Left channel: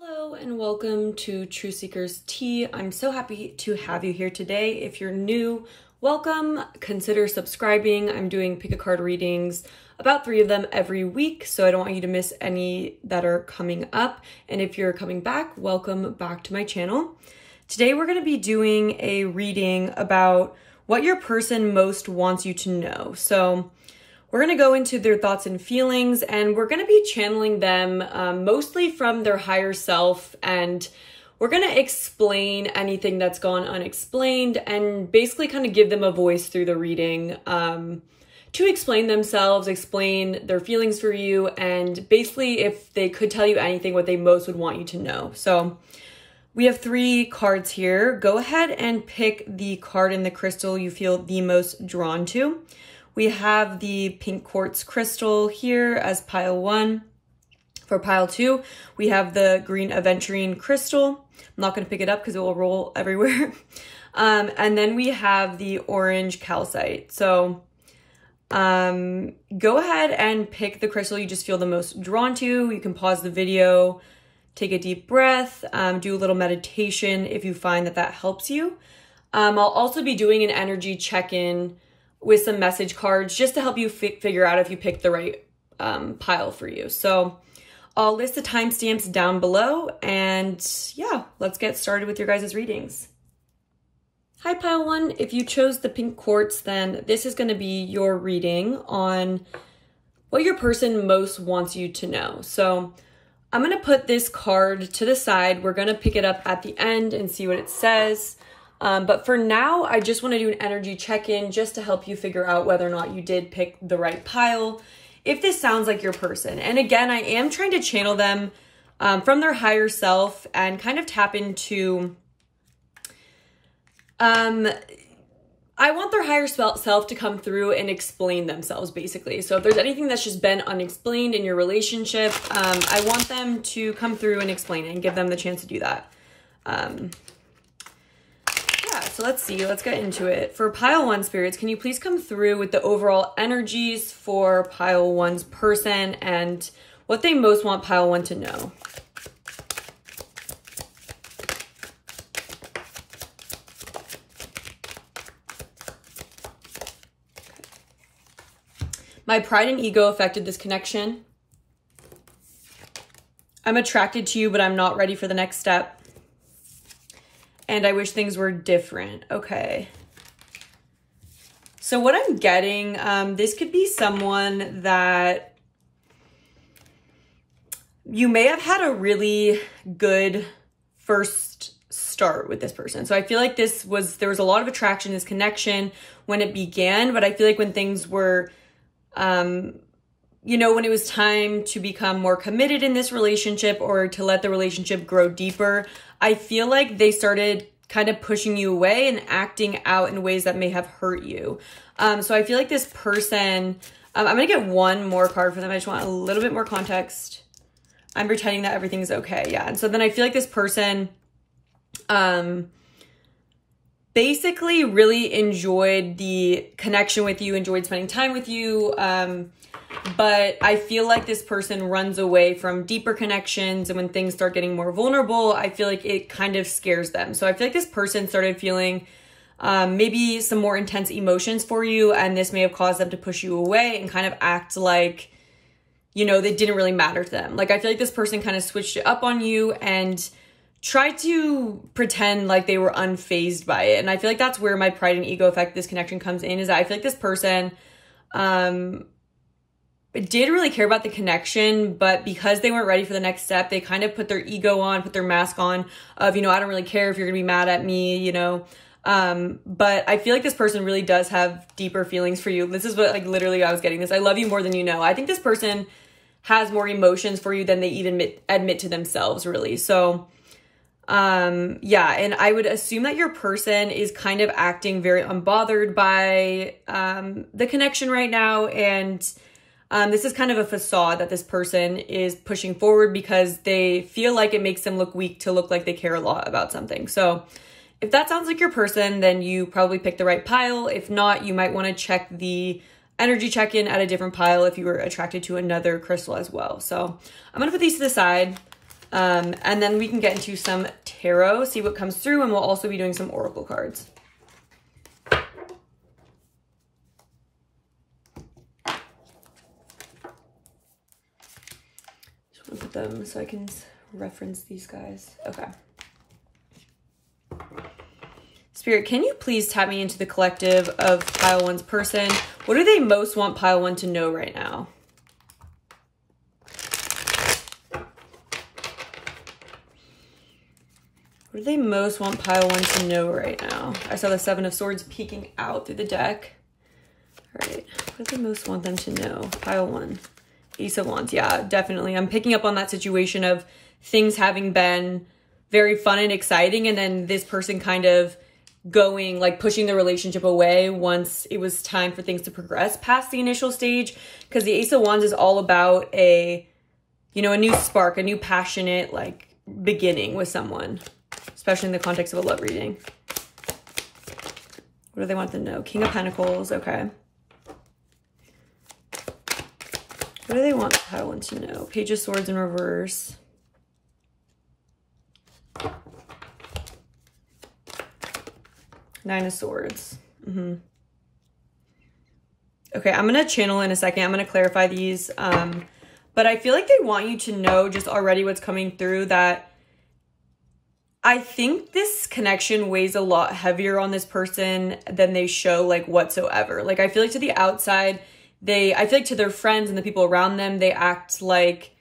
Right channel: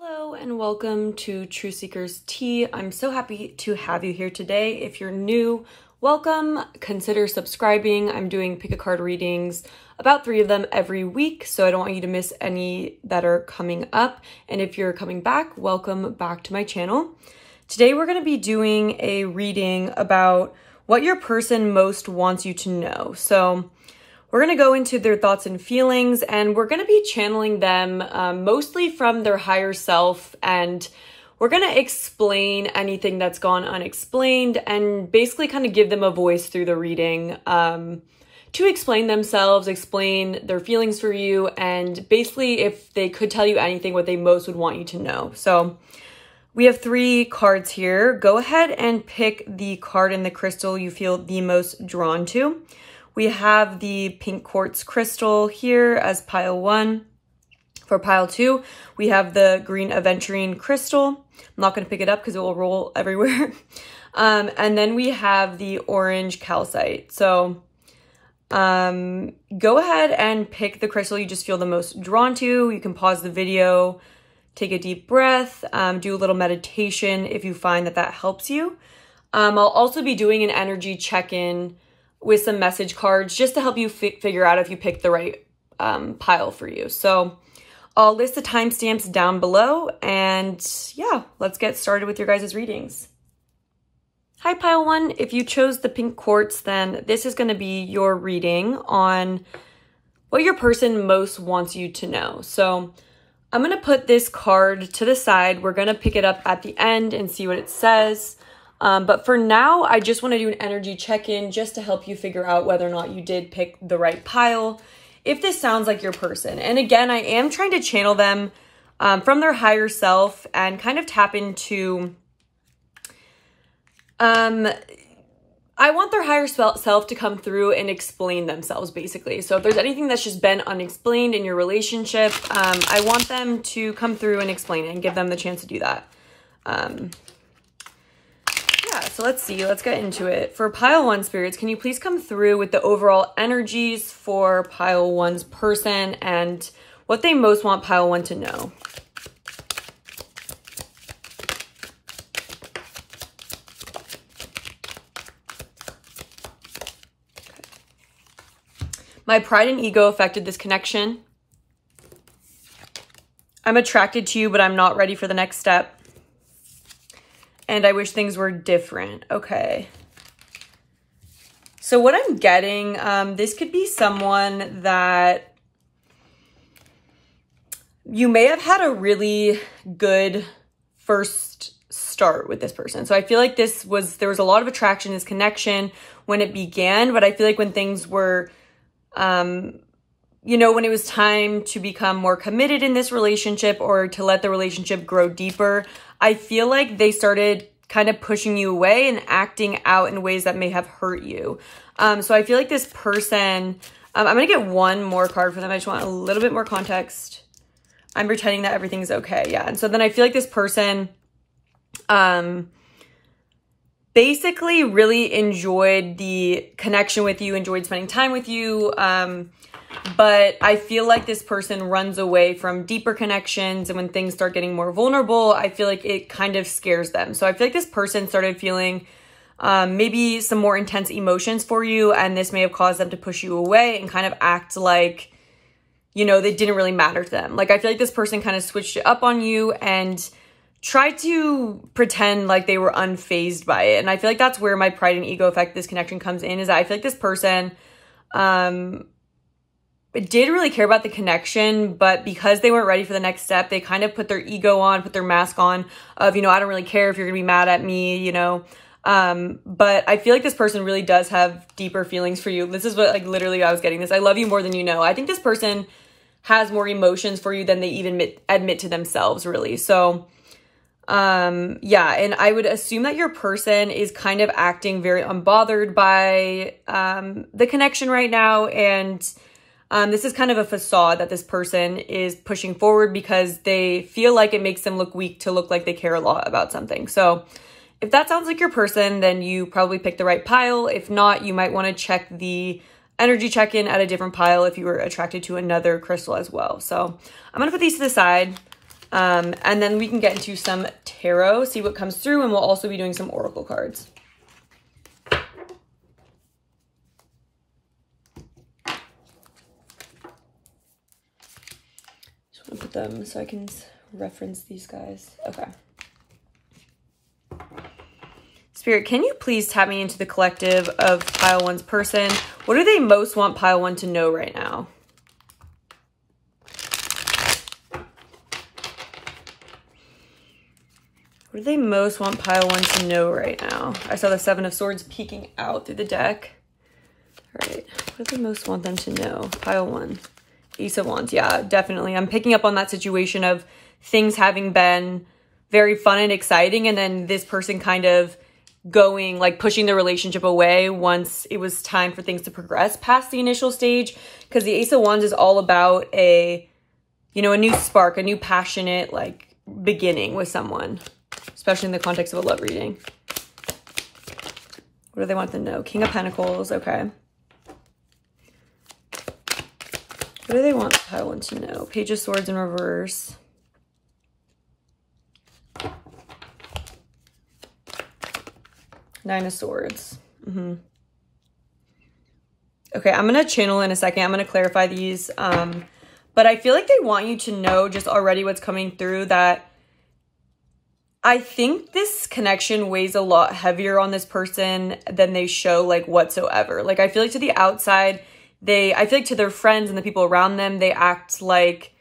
Hello and welcome to True Seekers Tea. I'm so happy to have you here today. If you're new, welcome. Consider subscribing. I'm doing pick a card readings, about 3 of them every week, so I don't want you to miss any that are coming up. And if you're coming back, welcome back to my channel. Today we're going to be doing a reading about what your person most wants you to know. So we're going to go into their thoughts and feelings, and we're going to be channeling them mostly from their higher self, and we're going to explain anything that's gone unexplained and basically kind of give them a voice through the reading to explain themselves, explain their feelings for you, and basically if they could tell you anything, what they most would want you to know. So we have 3 cards here. Go ahead and pick the card in the crystal you feel the most drawn to. We have the pink quartz crystal here as pile 1. For pile 2, we have the green aventurine crystal. I'm not going to pick it up because it will roll everywhere. And then we have the orange calcite. So go ahead and pick the crystal you just feel the most drawn to. You can pause the video, take a deep breath, do a little meditation if you find that that helps you. I'll also be doing an energy check-in with some message cards just to help you figure out if you picked the right pile for you. So I'll list the timestamps down below, and yeah, let's get started with your guys' readings. Hi, pile 1. If you chose the pink quartz, then this is going to be your reading on what your person most wants you to know. So I'm going to put this card to the side. We're going to pick it up at the end and see what it says. But for now, I just want to do an energy check-in just to help you figure out whether or not you did pick the right pile, if this sounds like your person. And again, I am trying to channel them from their higher self and kind of tap into, I want their higher self to come through and explain themselves, basically. So if there's anything that's just been unexplained in your relationship, I want them to come through and explain it and give them the chance to do that. So let's see, let's get into it. For pile 1 spirits, can you please come through with the overall energies for pile 1's person and what they most want pile 1 to know? My pride and ego affected this connection. I'm attracted to you, but I'm not ready for the next step. And I wish things were different. Okay. So what I'm getting, this could be someone that you may have had a really good first start with this person. So I feel like there was a lot of attraction, this connection when it began, but I feel like when things were, you know, when it was time to become more committed in this relationship or to let the relationship grow deeper, I feel like they started kind of pushing you away and acting out in ways that may have hurt you. So I feel like this person, I'm going to get one more card for them. I just want a little bit more context. I'm pretending that everything's okay. Yeah. And so then I feel like this person, basically really enjoyed the connection with you, enjoyed spending time with you. But I feel like this person runs away from deeper connections, and when things start getting more vulnerable, I feel like it kind of scares them. So I feel like this person started feeling maybe some more intense emotions for you, and this may have caused them to push you away and kind of act like, you know, they didn't really matter to them. Like I feel like this person kind of switched it up on you and tried to pretend like they were unfazed by it. And I feel like that's where my pride and ego effect, this connection comes in, is that I feel like this person did really care about the connection, but because they weren't ready for the next step, they kind of put their ego on, put their mask on of, you know, I don't really care if you're gonna be mad at me, you know. But I feel like this person really does have deeper feelings for you. This is what, like, literally I was getting this. I love you more than you know. I think this person has more emotions for you than they even admit to themselves, really. So yeah, and I would assume that your person is kind of acting very unbothered by the connection right now, and this is kind of a facade that this person is pushing forward because they feel like it makes them look weak to look like they care a lot about something. So if that sounds like your person, then you probably picked the right pile. If not, you might want to check the energy check-in at a different pile if you were attracted to another crystal as well. So I'm going to put these to the side. And then we can get into some tarot, see what comes through, and we'll also be doing some oracle cards. Just want to put them so I can reference these guys. Okay. Spirit, can you please tap me into the collective of pile one's person? What do they most want pile one to know right now? What do they most want pile one to know right now? I saw the Seven of Swords peeking out through the deck. All right, what do they most want them to know? Pile one. Ace of Wands, yeah, definitely. I'm picking up on that situation of things having been very fun and exciting, and then this person kind of going, like pushing the relationship away once it was time for things to progress past the initial stage. Because the Ace of Wands is all about a, you know, a new spark, a new passionate, like, beginning with someone, especially in the context of a love reading. What do they want them to know? King of Pentacles, okay. What do they want pile one to know? Page of Swords in reverse. Nine of Swords. Okay, I'm going to channel in a second. I'm going to clarify these. But I feel like they want you to know just already what's coming through, that I think this connection weighs a lot heavier on this person than they show, like, whatsoever. Like, I feel like to the outside, I feel like to their friends and the people around them, they act like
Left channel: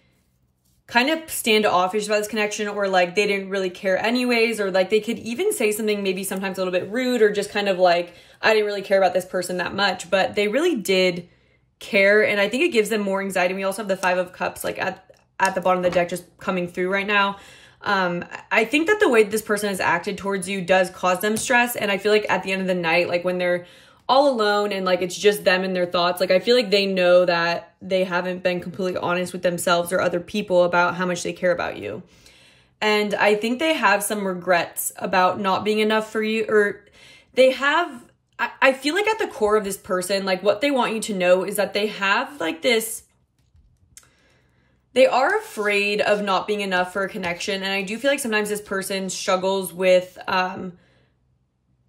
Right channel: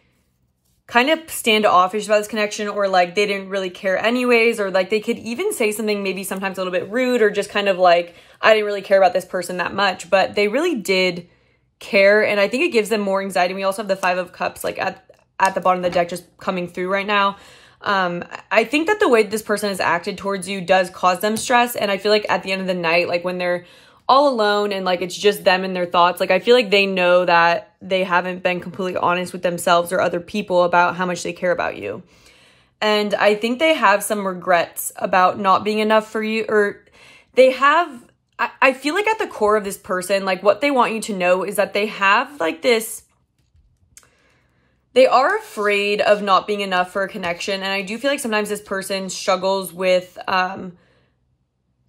kind of standoffish about this connection, or like they didn't really care anyways, or like they could even say something maybe sometimes a little bit rude, or just kind of like, I didn't really care about this person that much, but they really did care. And I think it gives them more anxiety. We also have the Five of Cups like at the bottom of the deck just coming through right now. I think that the way this person has acted towards you does cause them stress. And I feel like at the end of the night, like when they're all alone and like it's just them and their thoughts, like I feel like they know that they haven't been completely honest with themselves or other people about how much they care about you. And I think they have some regrets about not being enough for you, or they have, I feel like at the core of this person, like what they want you to know is that they have like this, they are afraid of not being enough for a connection. And I do feel like sometimes this person struggles with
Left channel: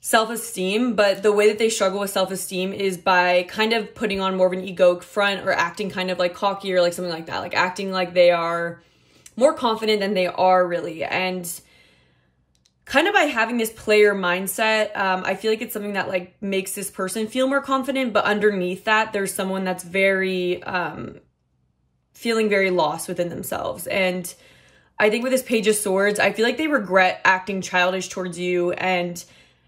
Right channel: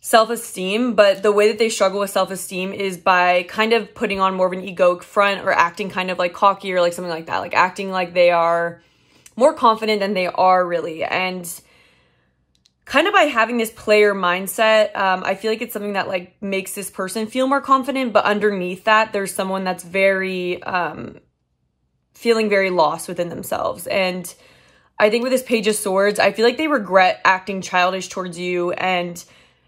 self-esteem, but the way that they struggle with self-esteem is by kind of putting on more of an egoic front, or acting kind of like cocky or like something like that, like acting like they are more confident than they are really. And kind of by having this player mindset, I feel like it's something that like makes this person feel more confident, but underneath that, there's someone that's very, feeling very lost within themselves. And I think with this Page of Swords, I feel like they regret acting childish towards you and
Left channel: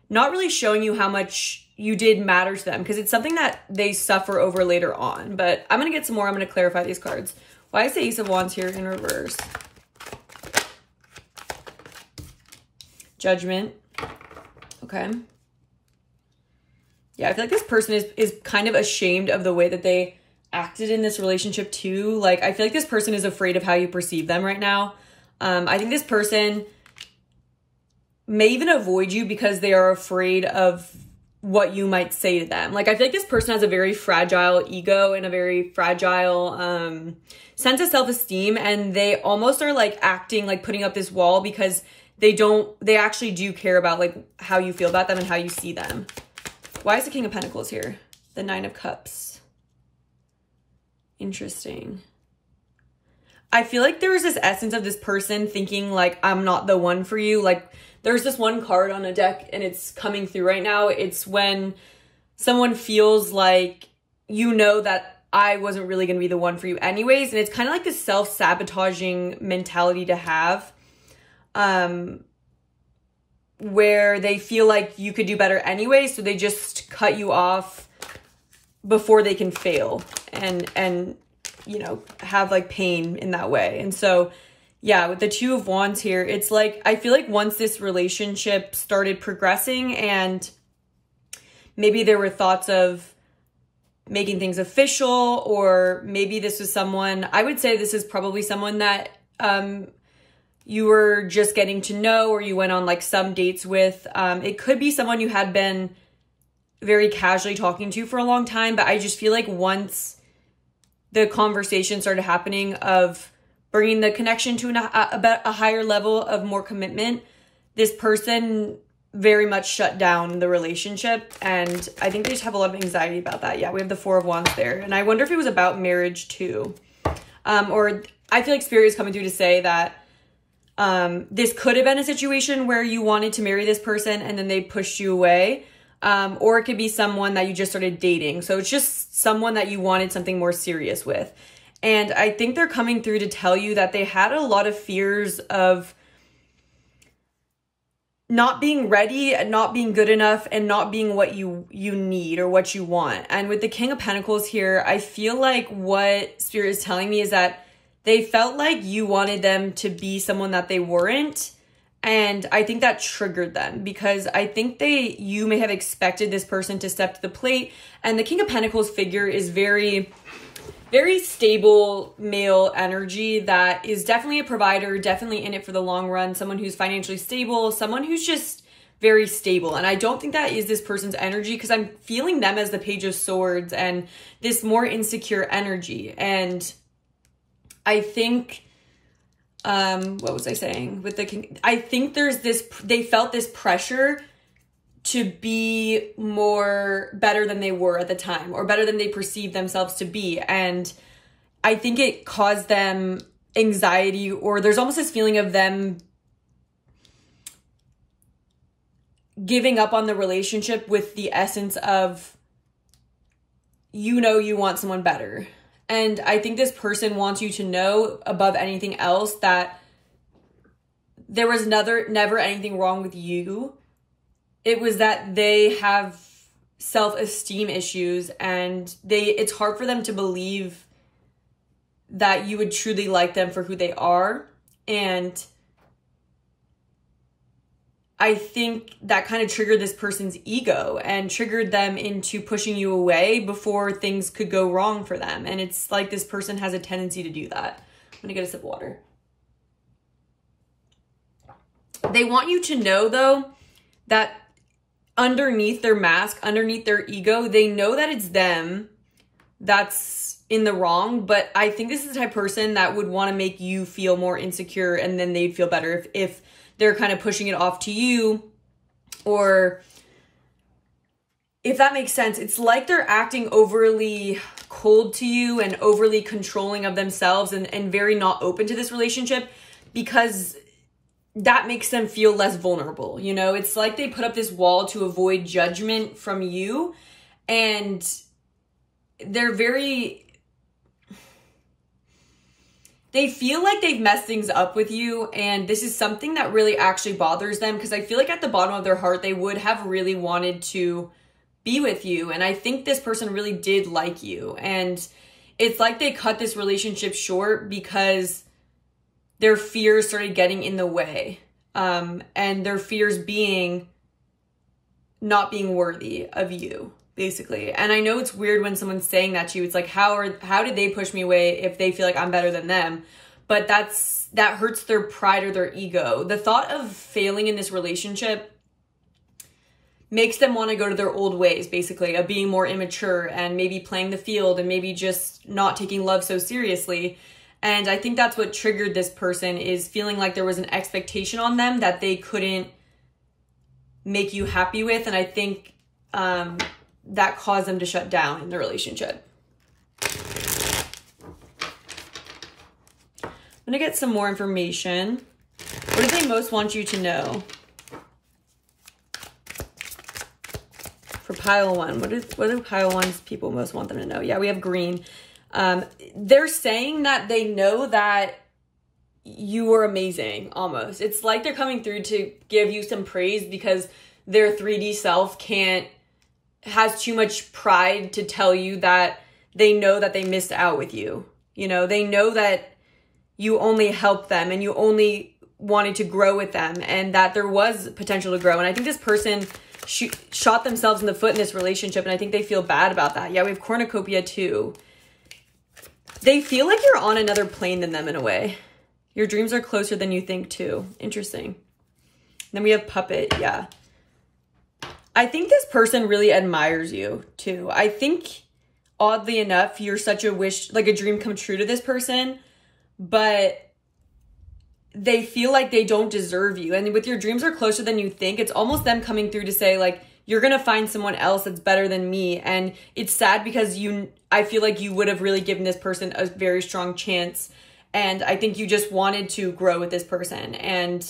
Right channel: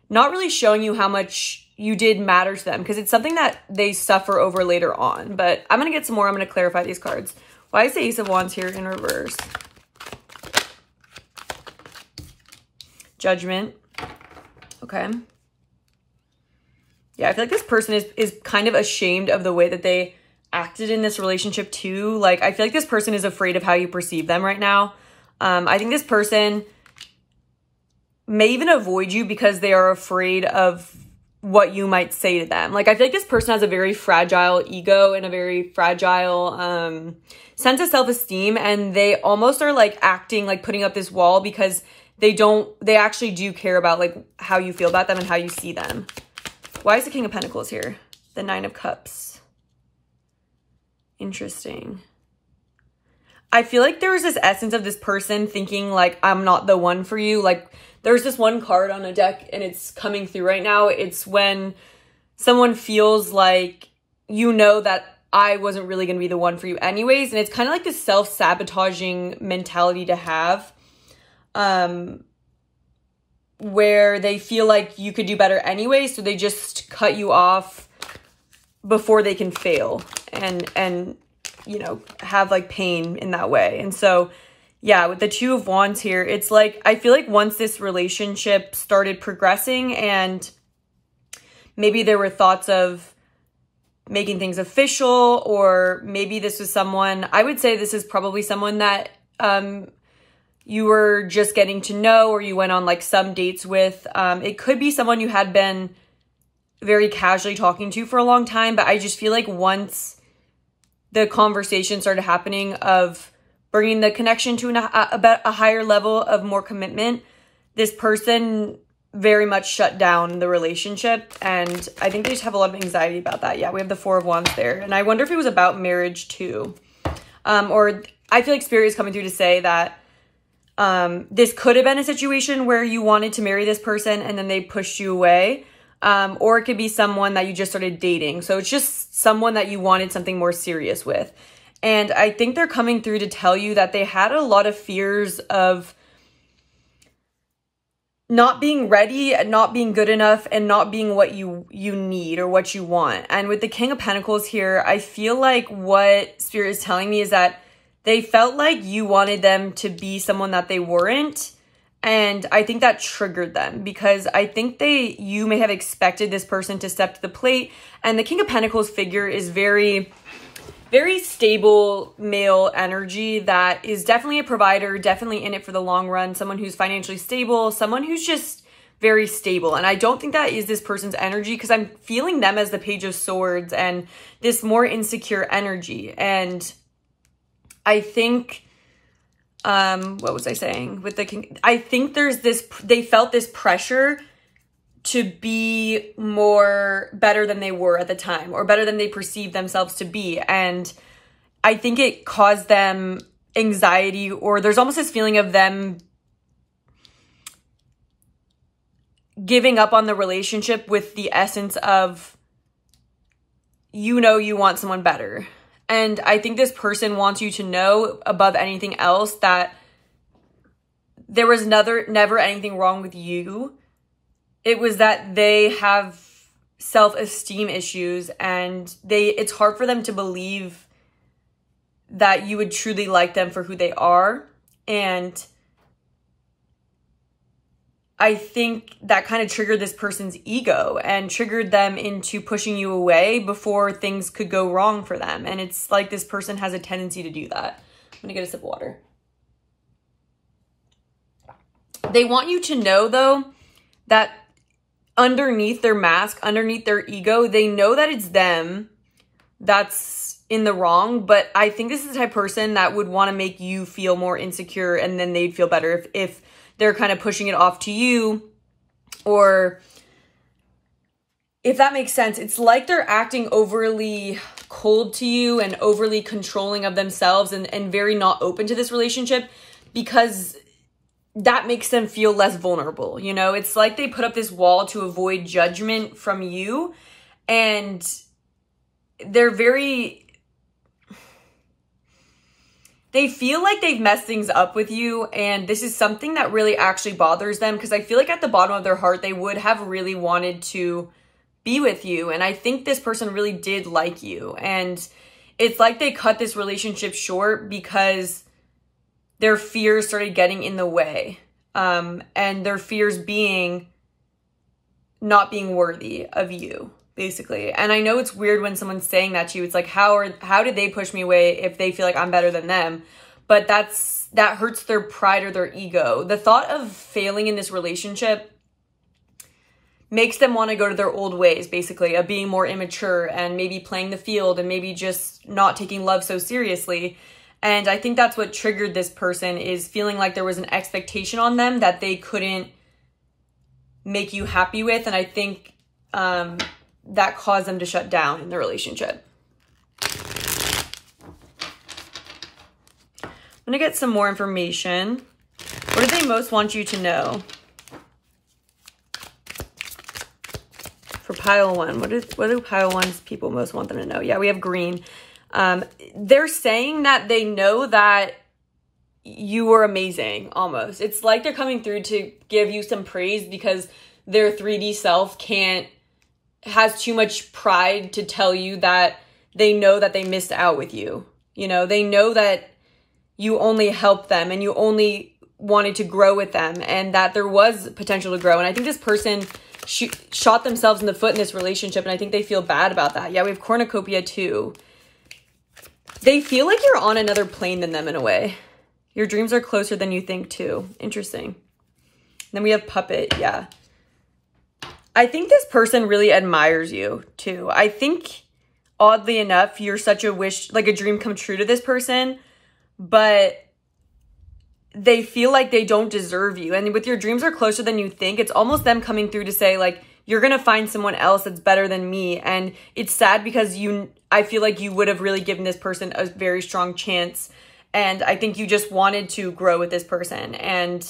not really showing you how much you did matter to them, because it's something that they suffer over later on. But I'm going to get some more. I'm going to clarify these cards. Why is the Ace of Wands here in reverse? Judgment. Okay. Yeah, I feel like this person is kind of ashamed of the way that they acted in this relationship too. Like, I feel like this person is afraid of how you perceive them right now. I think this person may even avoid you because they are afraid of what you might say to them. Like, I feel like this person has a very fragile ego and a very fragile sense of self-esteem, and they almost are like acting like putting up this wall because they actually do care about like how you feel about them and how you see them. Why is the King of Pentacles here? The Nine of Cups. Interesting. I feel like there was this essence of this person thinking like, I'm not the one for you. Like, there's this one card on a deck and it's coming through right now. It's when someone feels like, you know, that I wasn't really going to be the one for you anyways. And it's kind of like this self-sabotaging mentality to have, where they feel like you could do better anyway. So they just cut you off before they can fail and, you know, have like pain in that way. And so, yeah, with the Two of Wands here, it's like, I feel like once this relationship started progressing and maybe there were thoughts of making things official, or maybe this was someone, I would say this is probably someone that you were just getting to know, or you went on like some dates with. It could be someone you had been very casually talking to for a long time, but I just feel like once the conversation started happening of bringing the connection to a higher level of more commitment, this person very much shut down the relationship. And I think they just have a lot of anxiety about that. Yeah, we have the Four of Wands there. And I wonder if it was about marriage too. Or I feel like Spirit is coming through to say that this could have been a situation where you wanted to marry this person and then they pushed you away. Or it could be someone that you just started dating. So it's just someone that you wanted something more serious with. And I think they're coming through to tell you that they had a lot of fears of not being ready, and not being good enough, and not being what you need or what you want. And with the King of Pentacles here, I feel like what Spirit is telling me is that they felt like you wanted them to be someone that they weren't. And I think that triggered them, because I think you may have expected this person to step to the plate. And the King of Pentacles figure is very, very stable male energy that is definitely a provider, definitely in it for the long run, someone who's financially stable, someone who's just very stable. And I don't think that is this person's energy, because I'm feeling them as the Page of Swords and this more insecure energy. And I think, what was I saying with the King? I think there's this, they felt this pressure to be better than they were at the time, or better than they perceived themselves to be. And I think it caused them anxiety, or there's almost this feeling of them giving up on the relationship with the essence of, you know, you want someone better. And I think this person wants you to know above anything else that there was never anything wrong with you. It was that they have self-esteem issues, and it's hard for them to believe that you would truly like them for who they are. And I think that kind of triggered this person's ego and triggered them into pushing you away before things could go wrong for them. And it's like this person has a tendency to do that. I'm gonna get a sip of water. They want you to know, though, that underneath their mask, underneath their ego, they know that it's them that's in the wrong. But I think this is the type of person that would want to make you feel more insecure, and then they'd feel better if they're kind of pushing it off to you, or if that makes sense. It's like they're acting overly cold to you and overly controlling of themselves, and very not open to this relationship, because that makes them feel less vulnerable. You know, it's like they put up this wall to avoid judgment from you, and they feel like they've messed things up with you, and this is something that really actually bothers them, because I feel like at the bottom of their heart, they would have really wanted to be with you. And I think this person really did like you, and it's like they cut this relationship short because their fears started getting in the way. And their fears being not being worthy of you, basically. And I know it's weird when someone's saying that to you. It's like, how did they push me away if they feel like I'm better than them? But that hurts their pride or their ego. The thought of failing in this relationship makes them want to go to their old ways, basically, of being more immature and maybe playing the field and maybe just not taking love so seriously. And I think that's what triggered this person, is feeling like there was an expectation on them that they couldn't make you happy with. And I think that caused them to shut down in the relationship. I'm going to get some more information. What do they most want you to know? For pile one, what do pile one's people most want them to know? Yeah, we have green. They're saying that they know that you were amazing, almost. It's like they're coming through to give you some praise, because their 3D self has too much pride to tell you that they know that they missed out with you. You know, they know that you only helped them and you only wanted to grow with them, and that there was potential to grow. And I think this person shot themselves in the foot in this relationship, and I think they feel bad about that. Yeah, we have cornucopia too. They feel like you're on another plane than them in a way. Your dreams are closer than you think too. Interesting. Then we have puppet. Yeah. I think this person really admires you too. I think, oddly enough, you're such a wish, like a dream come true to this person, but they feel like they don't deserve you. And with your dreams are closer than you think, it's almost them coming through to say like, you're going to find someone else that's better than me. And it's sad because I feel like you would have really given this person a very strong chance. And I think you just wanted to grow with this person. And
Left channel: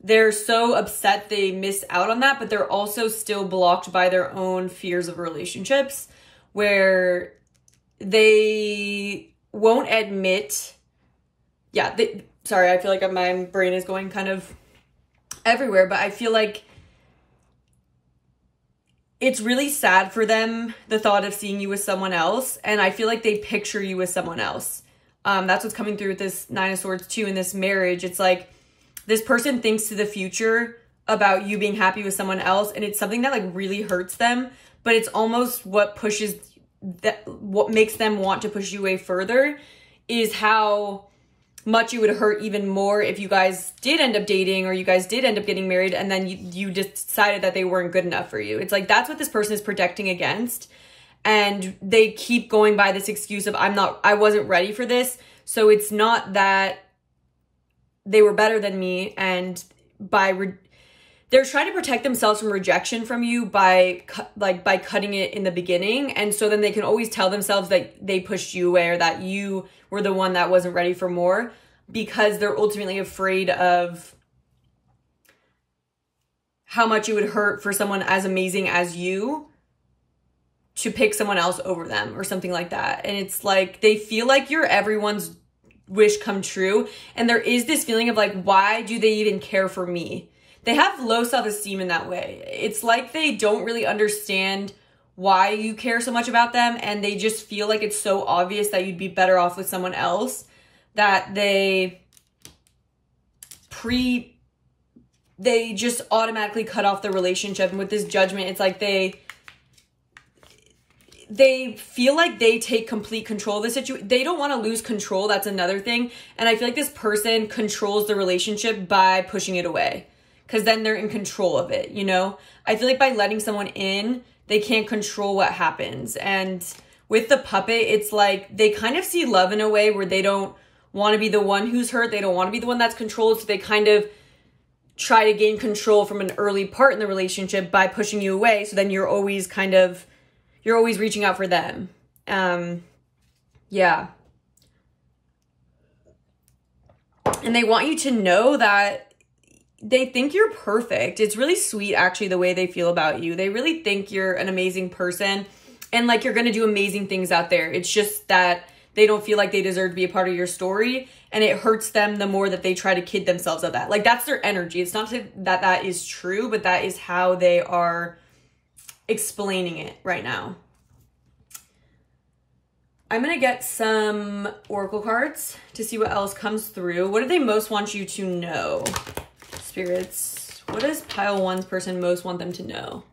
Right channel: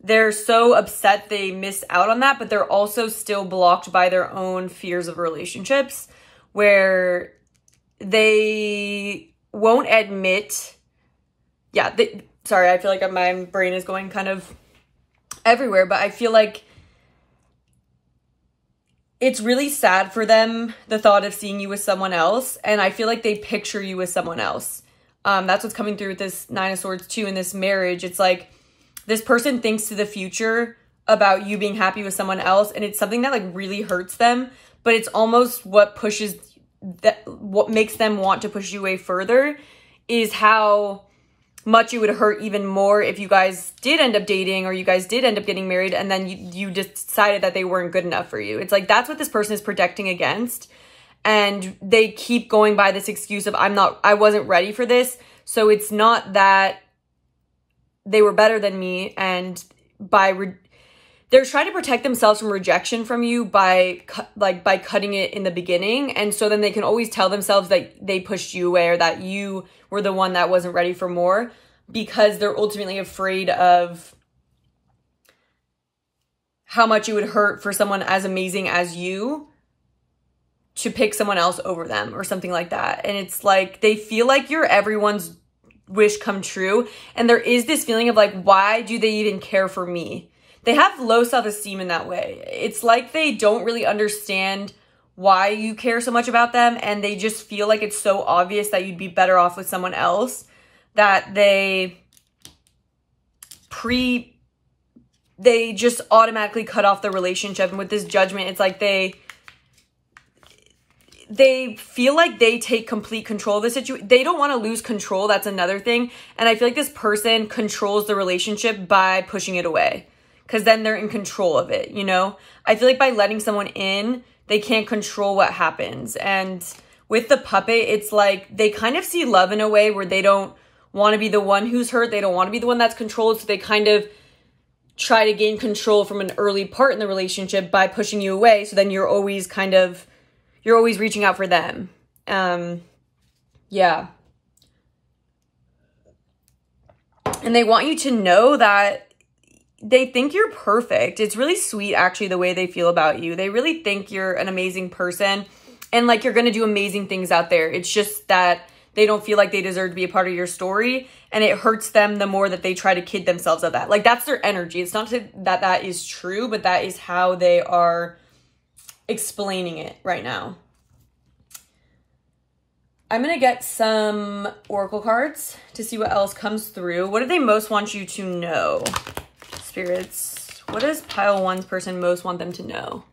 they're so upset they missed out on that, but they're also still blocked by their own fears of relationships where they won't admit. Yeah, sorry, I feel like my brain is going kind of everywhere, but I feel like it's really sad for them, the thought of seeing you with someone else. And I feel like they picture you with someone else. That's what's coming through with this Nine of Swords too in this marriage. It's like this person thinks to the future about you being happy with someone else. And it's something that like really hurts them, but it's almost what makes them want to push you away further is how much it would hurt even more if you guys did end up dating or you guys did end up getting married and then you decided that they weren't good enough for you. It's like that's what this person is protecting against. And they keep going by this excuse of I wasn't ready for this. So it's not that they were better than me, and they're trying to protect themselves from rejection from you by cutting it in the beginning. And so then they can always tell themselves that they pushed you away or that you were the one that wasn't ready for more, because they're ultimately afraid of how much it would hurt for someone as amazing as you to pick someone else over them or something like that. And it's like, they feel like you're everyone's wish come true. And there is this feeling of like, why do they even care for me? They have low self-esteem in that way. It's like they don't really understand why you care so much about them, and they just feel like it's so obvious that you'd be better off with someone else that they just automatically cut off the relationship. And with this judgment, it's like they feel like they take complete control of the situation. They don't want to lose control. That's another thing. And I feel like this person controls the relationship by pushing it away, because then they're in control of it, you know? I feel like by letting someone in, they can't control what happens. And with the puppet, it's like they kind of see love in a way where they don't want to be the one who's hurt. They don't want to be the one that's controlled. So they kind of try to gain control from an early part in the relationship by pushing you away. So then you're always reaching out for them. Yeah. And they want you to know that they think you're perfect. It's really sweet, actually, the way they feel about you. They really think you're an amazing person and like you're going to do amazing things out there. It's just that they don't feel like they deserve to be a part of your story, and it hurts them the more that they try to kid themselves of that. Like, that's their energy. It's not that is true, but that is how they are explaining it right now. I'm going to get some oracle cards to see what else comes through. What do they most want you to know? Spirits, what does pile one's person most want them to know?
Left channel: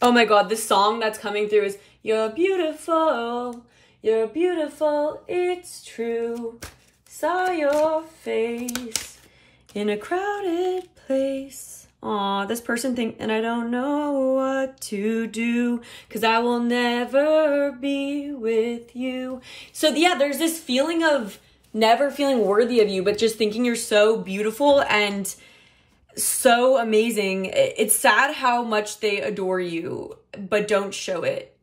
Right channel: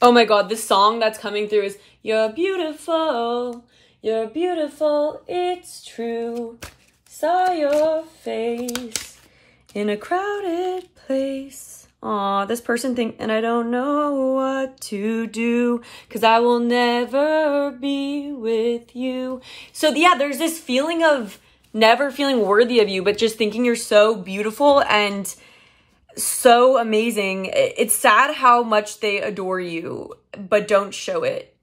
Oh my God, this song that's coming through is you're beautiful, it's true. Saw your face in a crowded place. Aw, this person and I don't know what to do, 'cause I will never be with you. So yeah, there's this feeling of never feeling worthy of you, but just thinking you're so beautiful and so amazing. It's sad how much they adore you, but don't show it.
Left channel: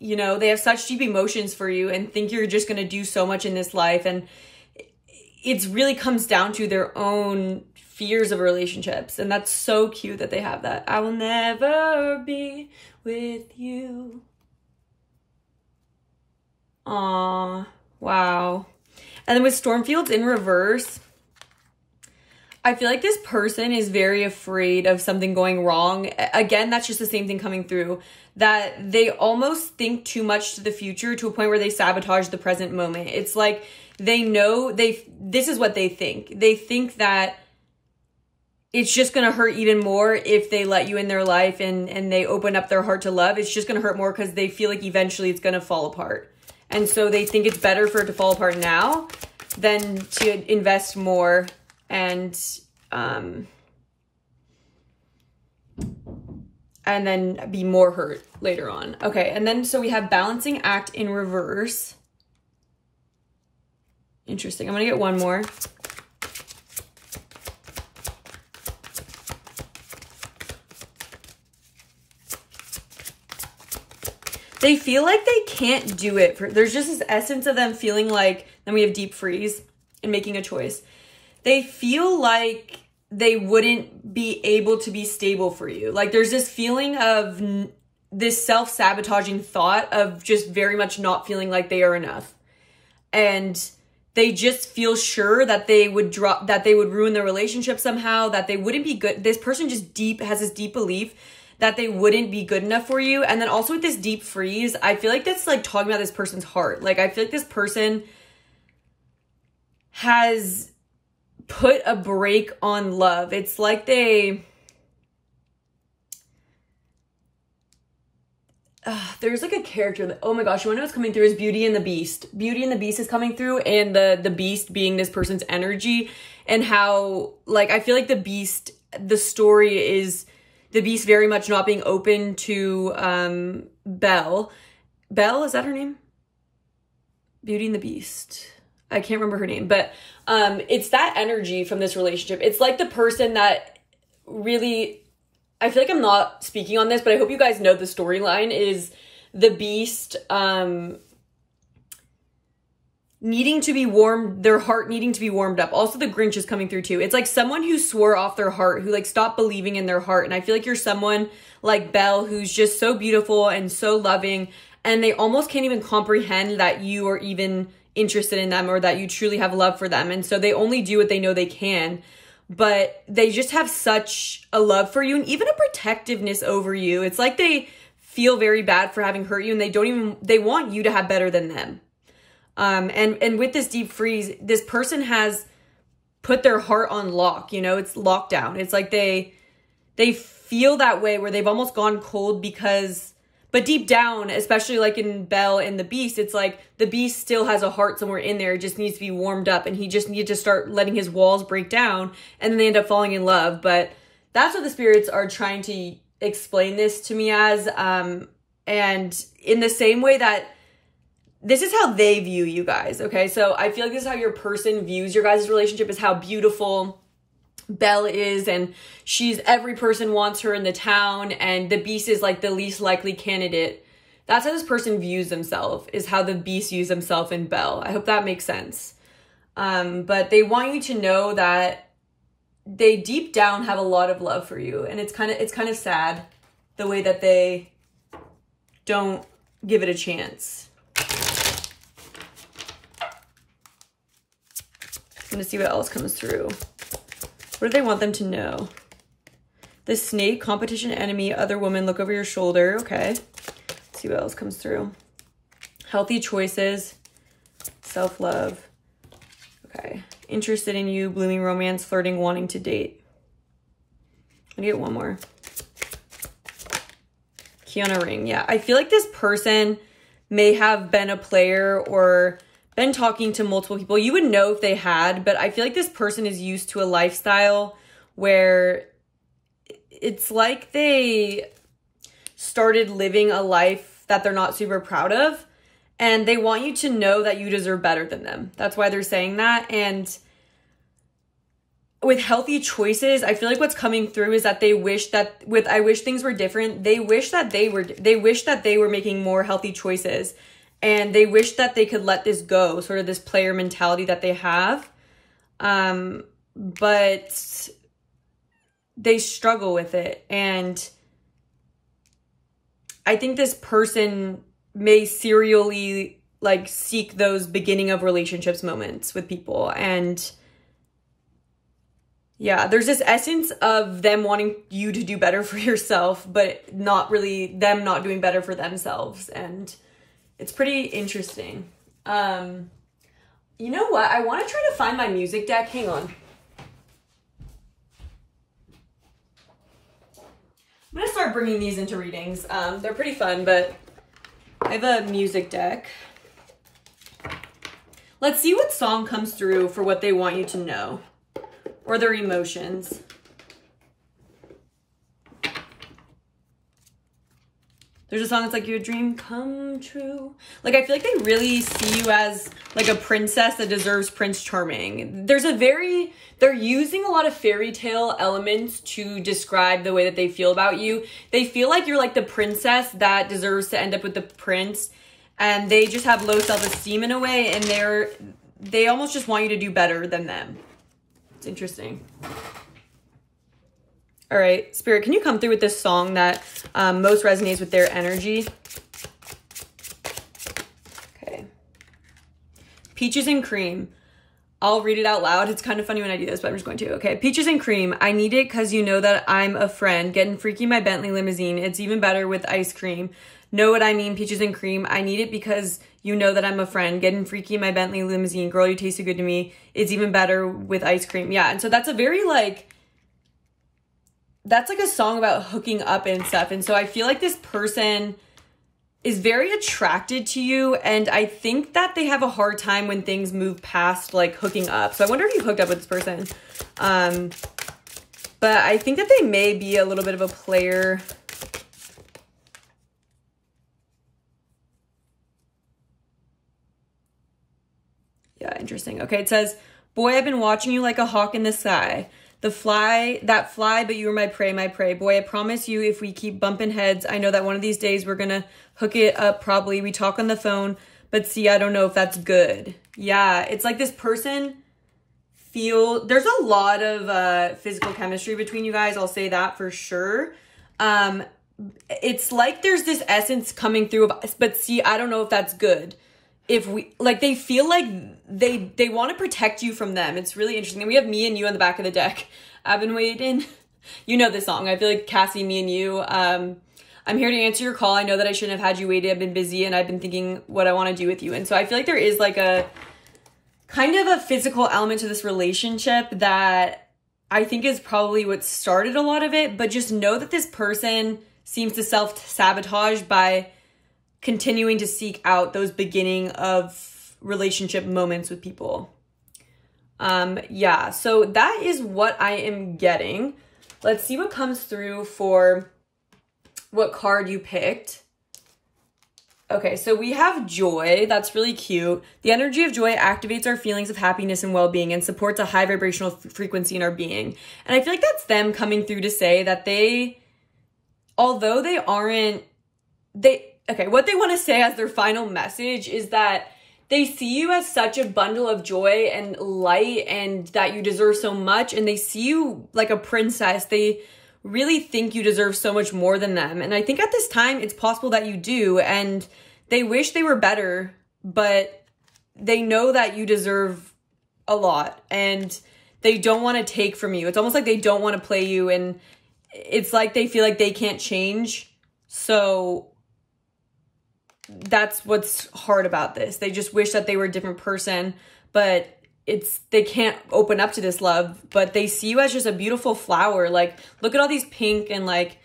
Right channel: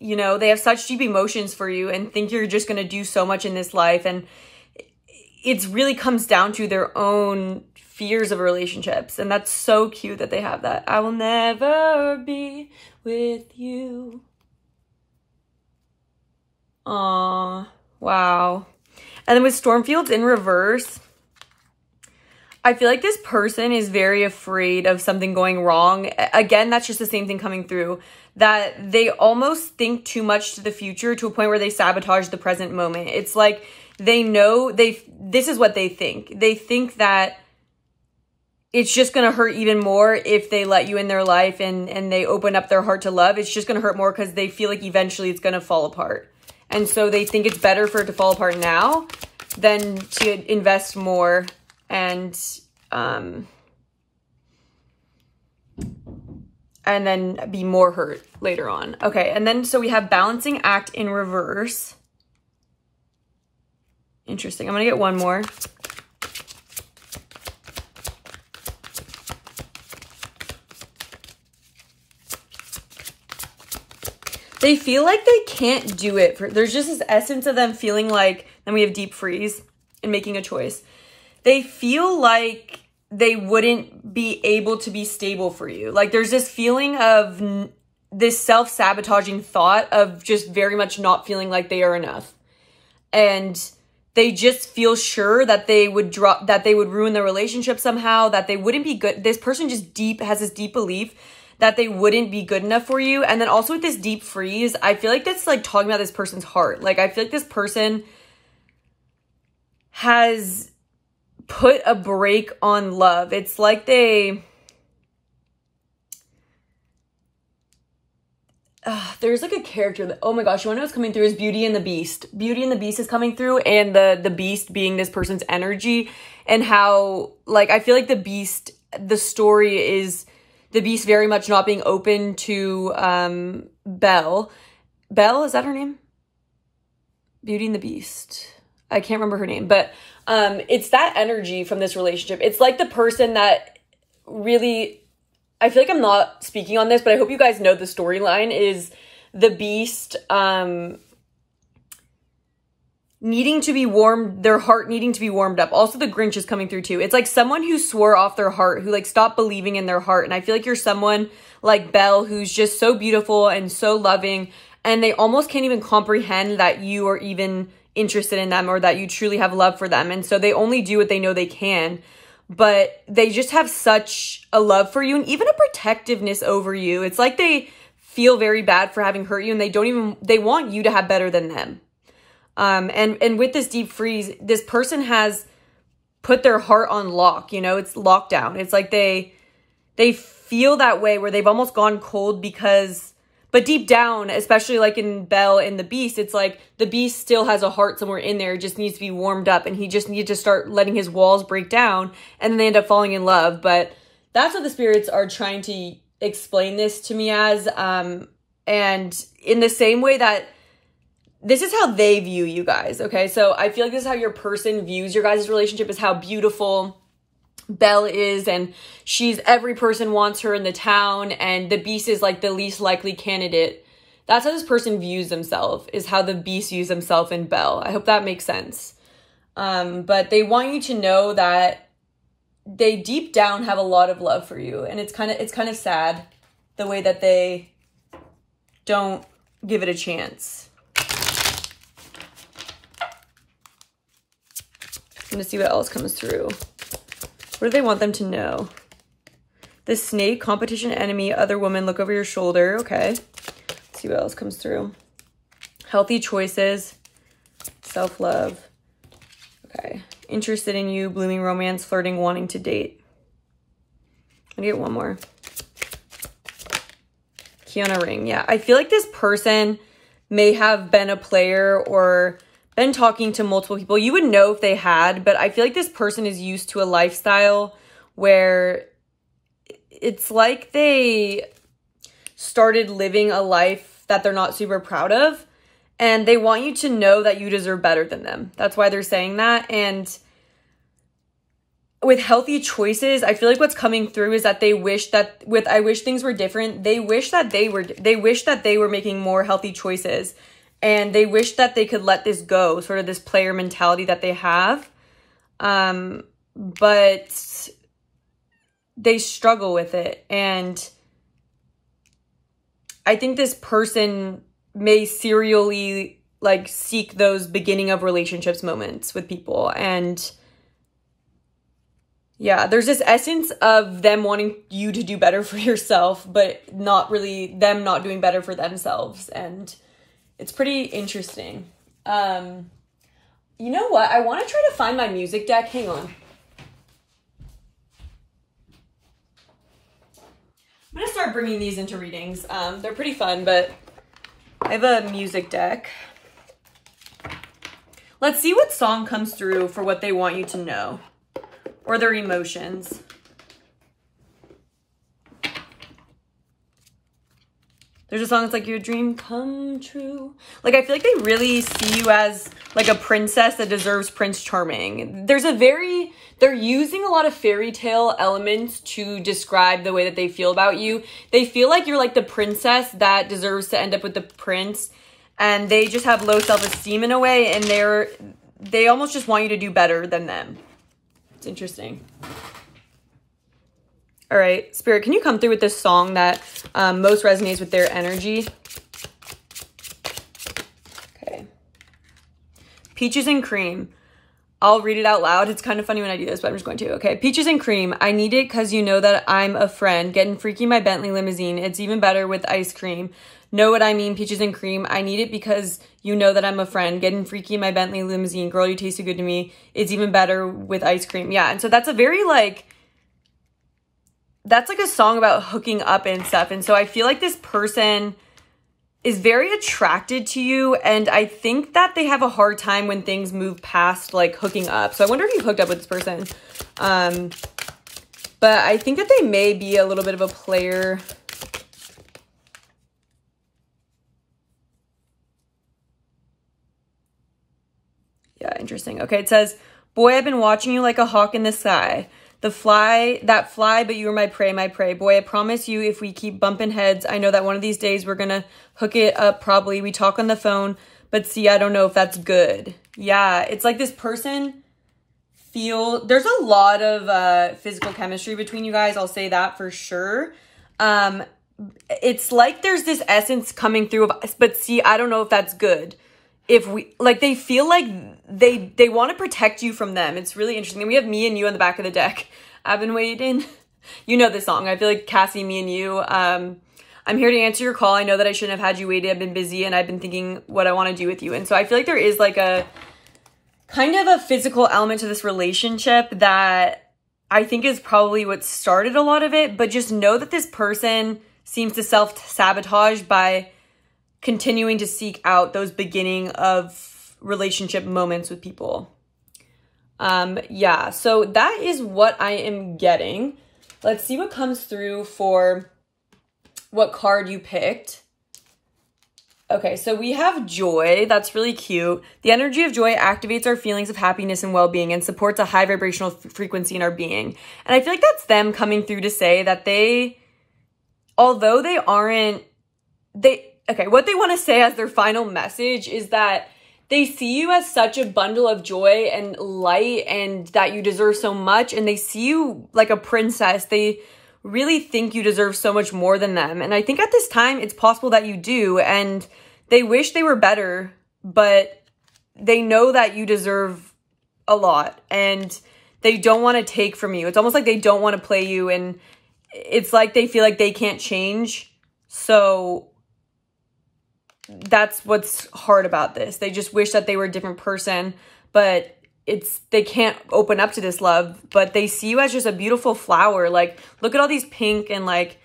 You know, they have such deep emotions for you and think you're just going to do so much in this life. And it really comes down to their own fears of relationships. And that's so cute that they have that. I will never be with you. Aw, wow. And then with Stormfields in reverse, I feel like this person is very afraid of something going wrong. Again, that's just the same thing coming through, that they almost think too much to the future to a point where they sabotage the present moment. It's like they know this is what they think. They think that it's just going to hurt even more if they let you in their life and they open up their heart to love. It's just going to hurt more because they feel like eventually it's going to fall apart. And so they think it's better for it to fall apart now than to invest more and then be more hurt later on. Okay, and then so we have balancing act in reverse. Interesting. I'm gonna get one more. They feel like they can't do it. There's just this essence of them feeling like, then we have deep freeze and making a choice. They feel like they wouldn't be able to be stable for you. Like there's this feeling of this self-sabotaging thought of just very much not feeling like they are enough. And they just feel sure that they would ruin their relationship somehow, that they wouldn't be good. This person just has this deep belief that they wouldn't be good enough for you. And then also with this deep freeze, I feel like that's like talking about this person's heart. Like I feel like this person has put a break on love. It's like there's like a character that, oh my gosh, you wanna know what's coming through is Beauty and the Beast. Beauty and the Beast is coming through, and the beast being this person's energy, and how, like, I feel like the beast, the story is the beast very much not being open to Belle. Belle, is that her name? Beauty and the Beast. I can't remember her name, but it's that energy from this relationship. It's like the person that really, I feel like I'm not speaking on this, but I hope you guys know the storyline is the beast needing to be warmed, their heart needing to be warmed up. Also, the Grinch is coming through too. It's like someone who swore off their heart, who like stopped believing in their heart. And I feel like you're someone like Belle who's just so beautiful and so loving, and they almost can't even comprehend that you are even interested in them or that you truly have love for them. And so they only do what they know they can. But they just have such a love for you and even a protectiveness over you. It's like they feel very bad for having hurt you, and they want you to have better than them. And with this deep freeze, this person has put their heart on lock, you know, it's lockdown. It's like they feel that way where they've almost gone cold but deep down, especially like in Belle and the Beast, it's like the Beast still has a heart somewhere in there. It just needs to be warmed up, and he just needs to start letting his walls break down, and then they end up falling in love. But that's what the spirits are trying to explain this to me as. And in the same way that this is how they view you guys, okay? So I feel like this is how your person views your guys' relationship, is how beautiful Belle is, and every person wants her in the town, and the Beast is like the least likely candidate. That's how this person views themselves, is how the Beast views himself in Belle. I hope that makes sense. But they want you to know that they deep down have a lot of love for you, and it's kind of sad the way that they don't give it a chance. I'm gonna see what else comes through. What do they want them to know? The snake, competition, enemy, other woman, look over your shoulder. Okay. Let's see what else comes through. Healthy choices, self-love. Okay. Interested in you, blooming romance, flirting, wanting to date. I'm gonna get one more. Key on a ring. Yeah, I feel like this person may have been a player or been talking to multiple people. You would know if they had, but I feel like this person is used to a lifestyle where it's like they started living a life that they're not super proud of, and they want you to know that you deserve better than them. That's why they're saying that. And with healthy choices, I feel like what's coming through is that they wish that I wish things were different. They wish that they were making more healthy choices. And they wish that they could let this go, sort of this player mentality that they have. But they struggle with it. And I think this person may serially like seek those beginning of relationships moments with people. And yeah, there's this essence of them wanting you to do better for yourself, but not really them not doing better for themselves. And it's pretty interesting. You know what? I want to try to find my music deck. Hang on. I'm going to start bringing these into readings. They're pretty fun, but I have a music deck. Let's see what song comes through for what they want you to know, or their emotions. There's a song that's like, your dream come true. Like, I feel like they really see you as like a princess that deserves Prince Charming. They're using a lot of fairy tale elements to describe the way that they feel about you. They feel like you're like the princess that deserves to end up with the prince. And they just have low self-esteem in a way. And they almost just want you to do better than them. It's interesting. All right, Spirit, can you come through with this song that most resonates with their energy? Okay. Peaches and Cream. I'll read it out loud. It's kind of funny when I do this, but I'm just going to. Okay. Peaches and Cream. I need it because you know that I'm a friend. Getting freaky in my Bentley limousine. It's even better with ice cream. Know what I mean? Peaches and Cream. I need it because you know that I'm a friend. Getting freaky in my Bentley limousine. Girl, you taste so good to me. It's even better with ice cream. Yeah. And so that's a very like... That's like a song about hooking up and stuff. And so I feel like this person is very attracted to you. And I think that they have a hard time when things move past like hooking up. So I wonder if you hooked up with this person. But I think that they may be a little bit of a player. Yeah, interesting. Okay, it says, boy, I've been watching you like a hawk in the sky. That fly, but you were my prey, my prey. Boy, I promise you, if we keep bumping heads, I know that one of these days we're gonna hook it up probably. We talk on the phone, but see, I don't know if that's good. Yeah, it's like this person there's a lot of physical chemistry between you guys. I'll say that for sure. It's like there's this essence coming through, but see, I don't know if that's good. If we, like, they feel like they want to protect you from them. It's really interesting. And we have Me and You on the back of the deck. I've been waiting. You know this song. I feel like Cassie, Me and You. I'm here to answer your call. I know that I shouldn't have had you waited. I've been busy and I've been thinking what I want to do with you. And so I feel like there is like a kind of a physical element to this relationship that I think is probably what started a lot of it. But just know that this person seems to self-sabotage by continuing to seek out those beginning of relationship moments with people. Yeah, so that is what I am getting. Let's see what comes through for what card you picked. Okay, so we have Joy. That's really cute. The energy of joy activates our feelings of happiness and well-being and supports a high vibrational frequency in our being. And I feel like that's them coming through to say that although they aren't, okay, what they want to say as their final message is that they see you as such a bundle of joy and light and that you deserve so much. And they see you like a princess. They really think you deserve so much more than them. And I think at this time, it's possible that you do. And they wish they were better, but they know that you deserve a lot. And they don't want to take from you. It's almost like they don't want to play you. And it's like they feel like they can't change. So that's what's hard about this. They just wish that they were a different person, but they can't open up to this love, but they see you as just a beautiful flower. Like, look at all these pink and like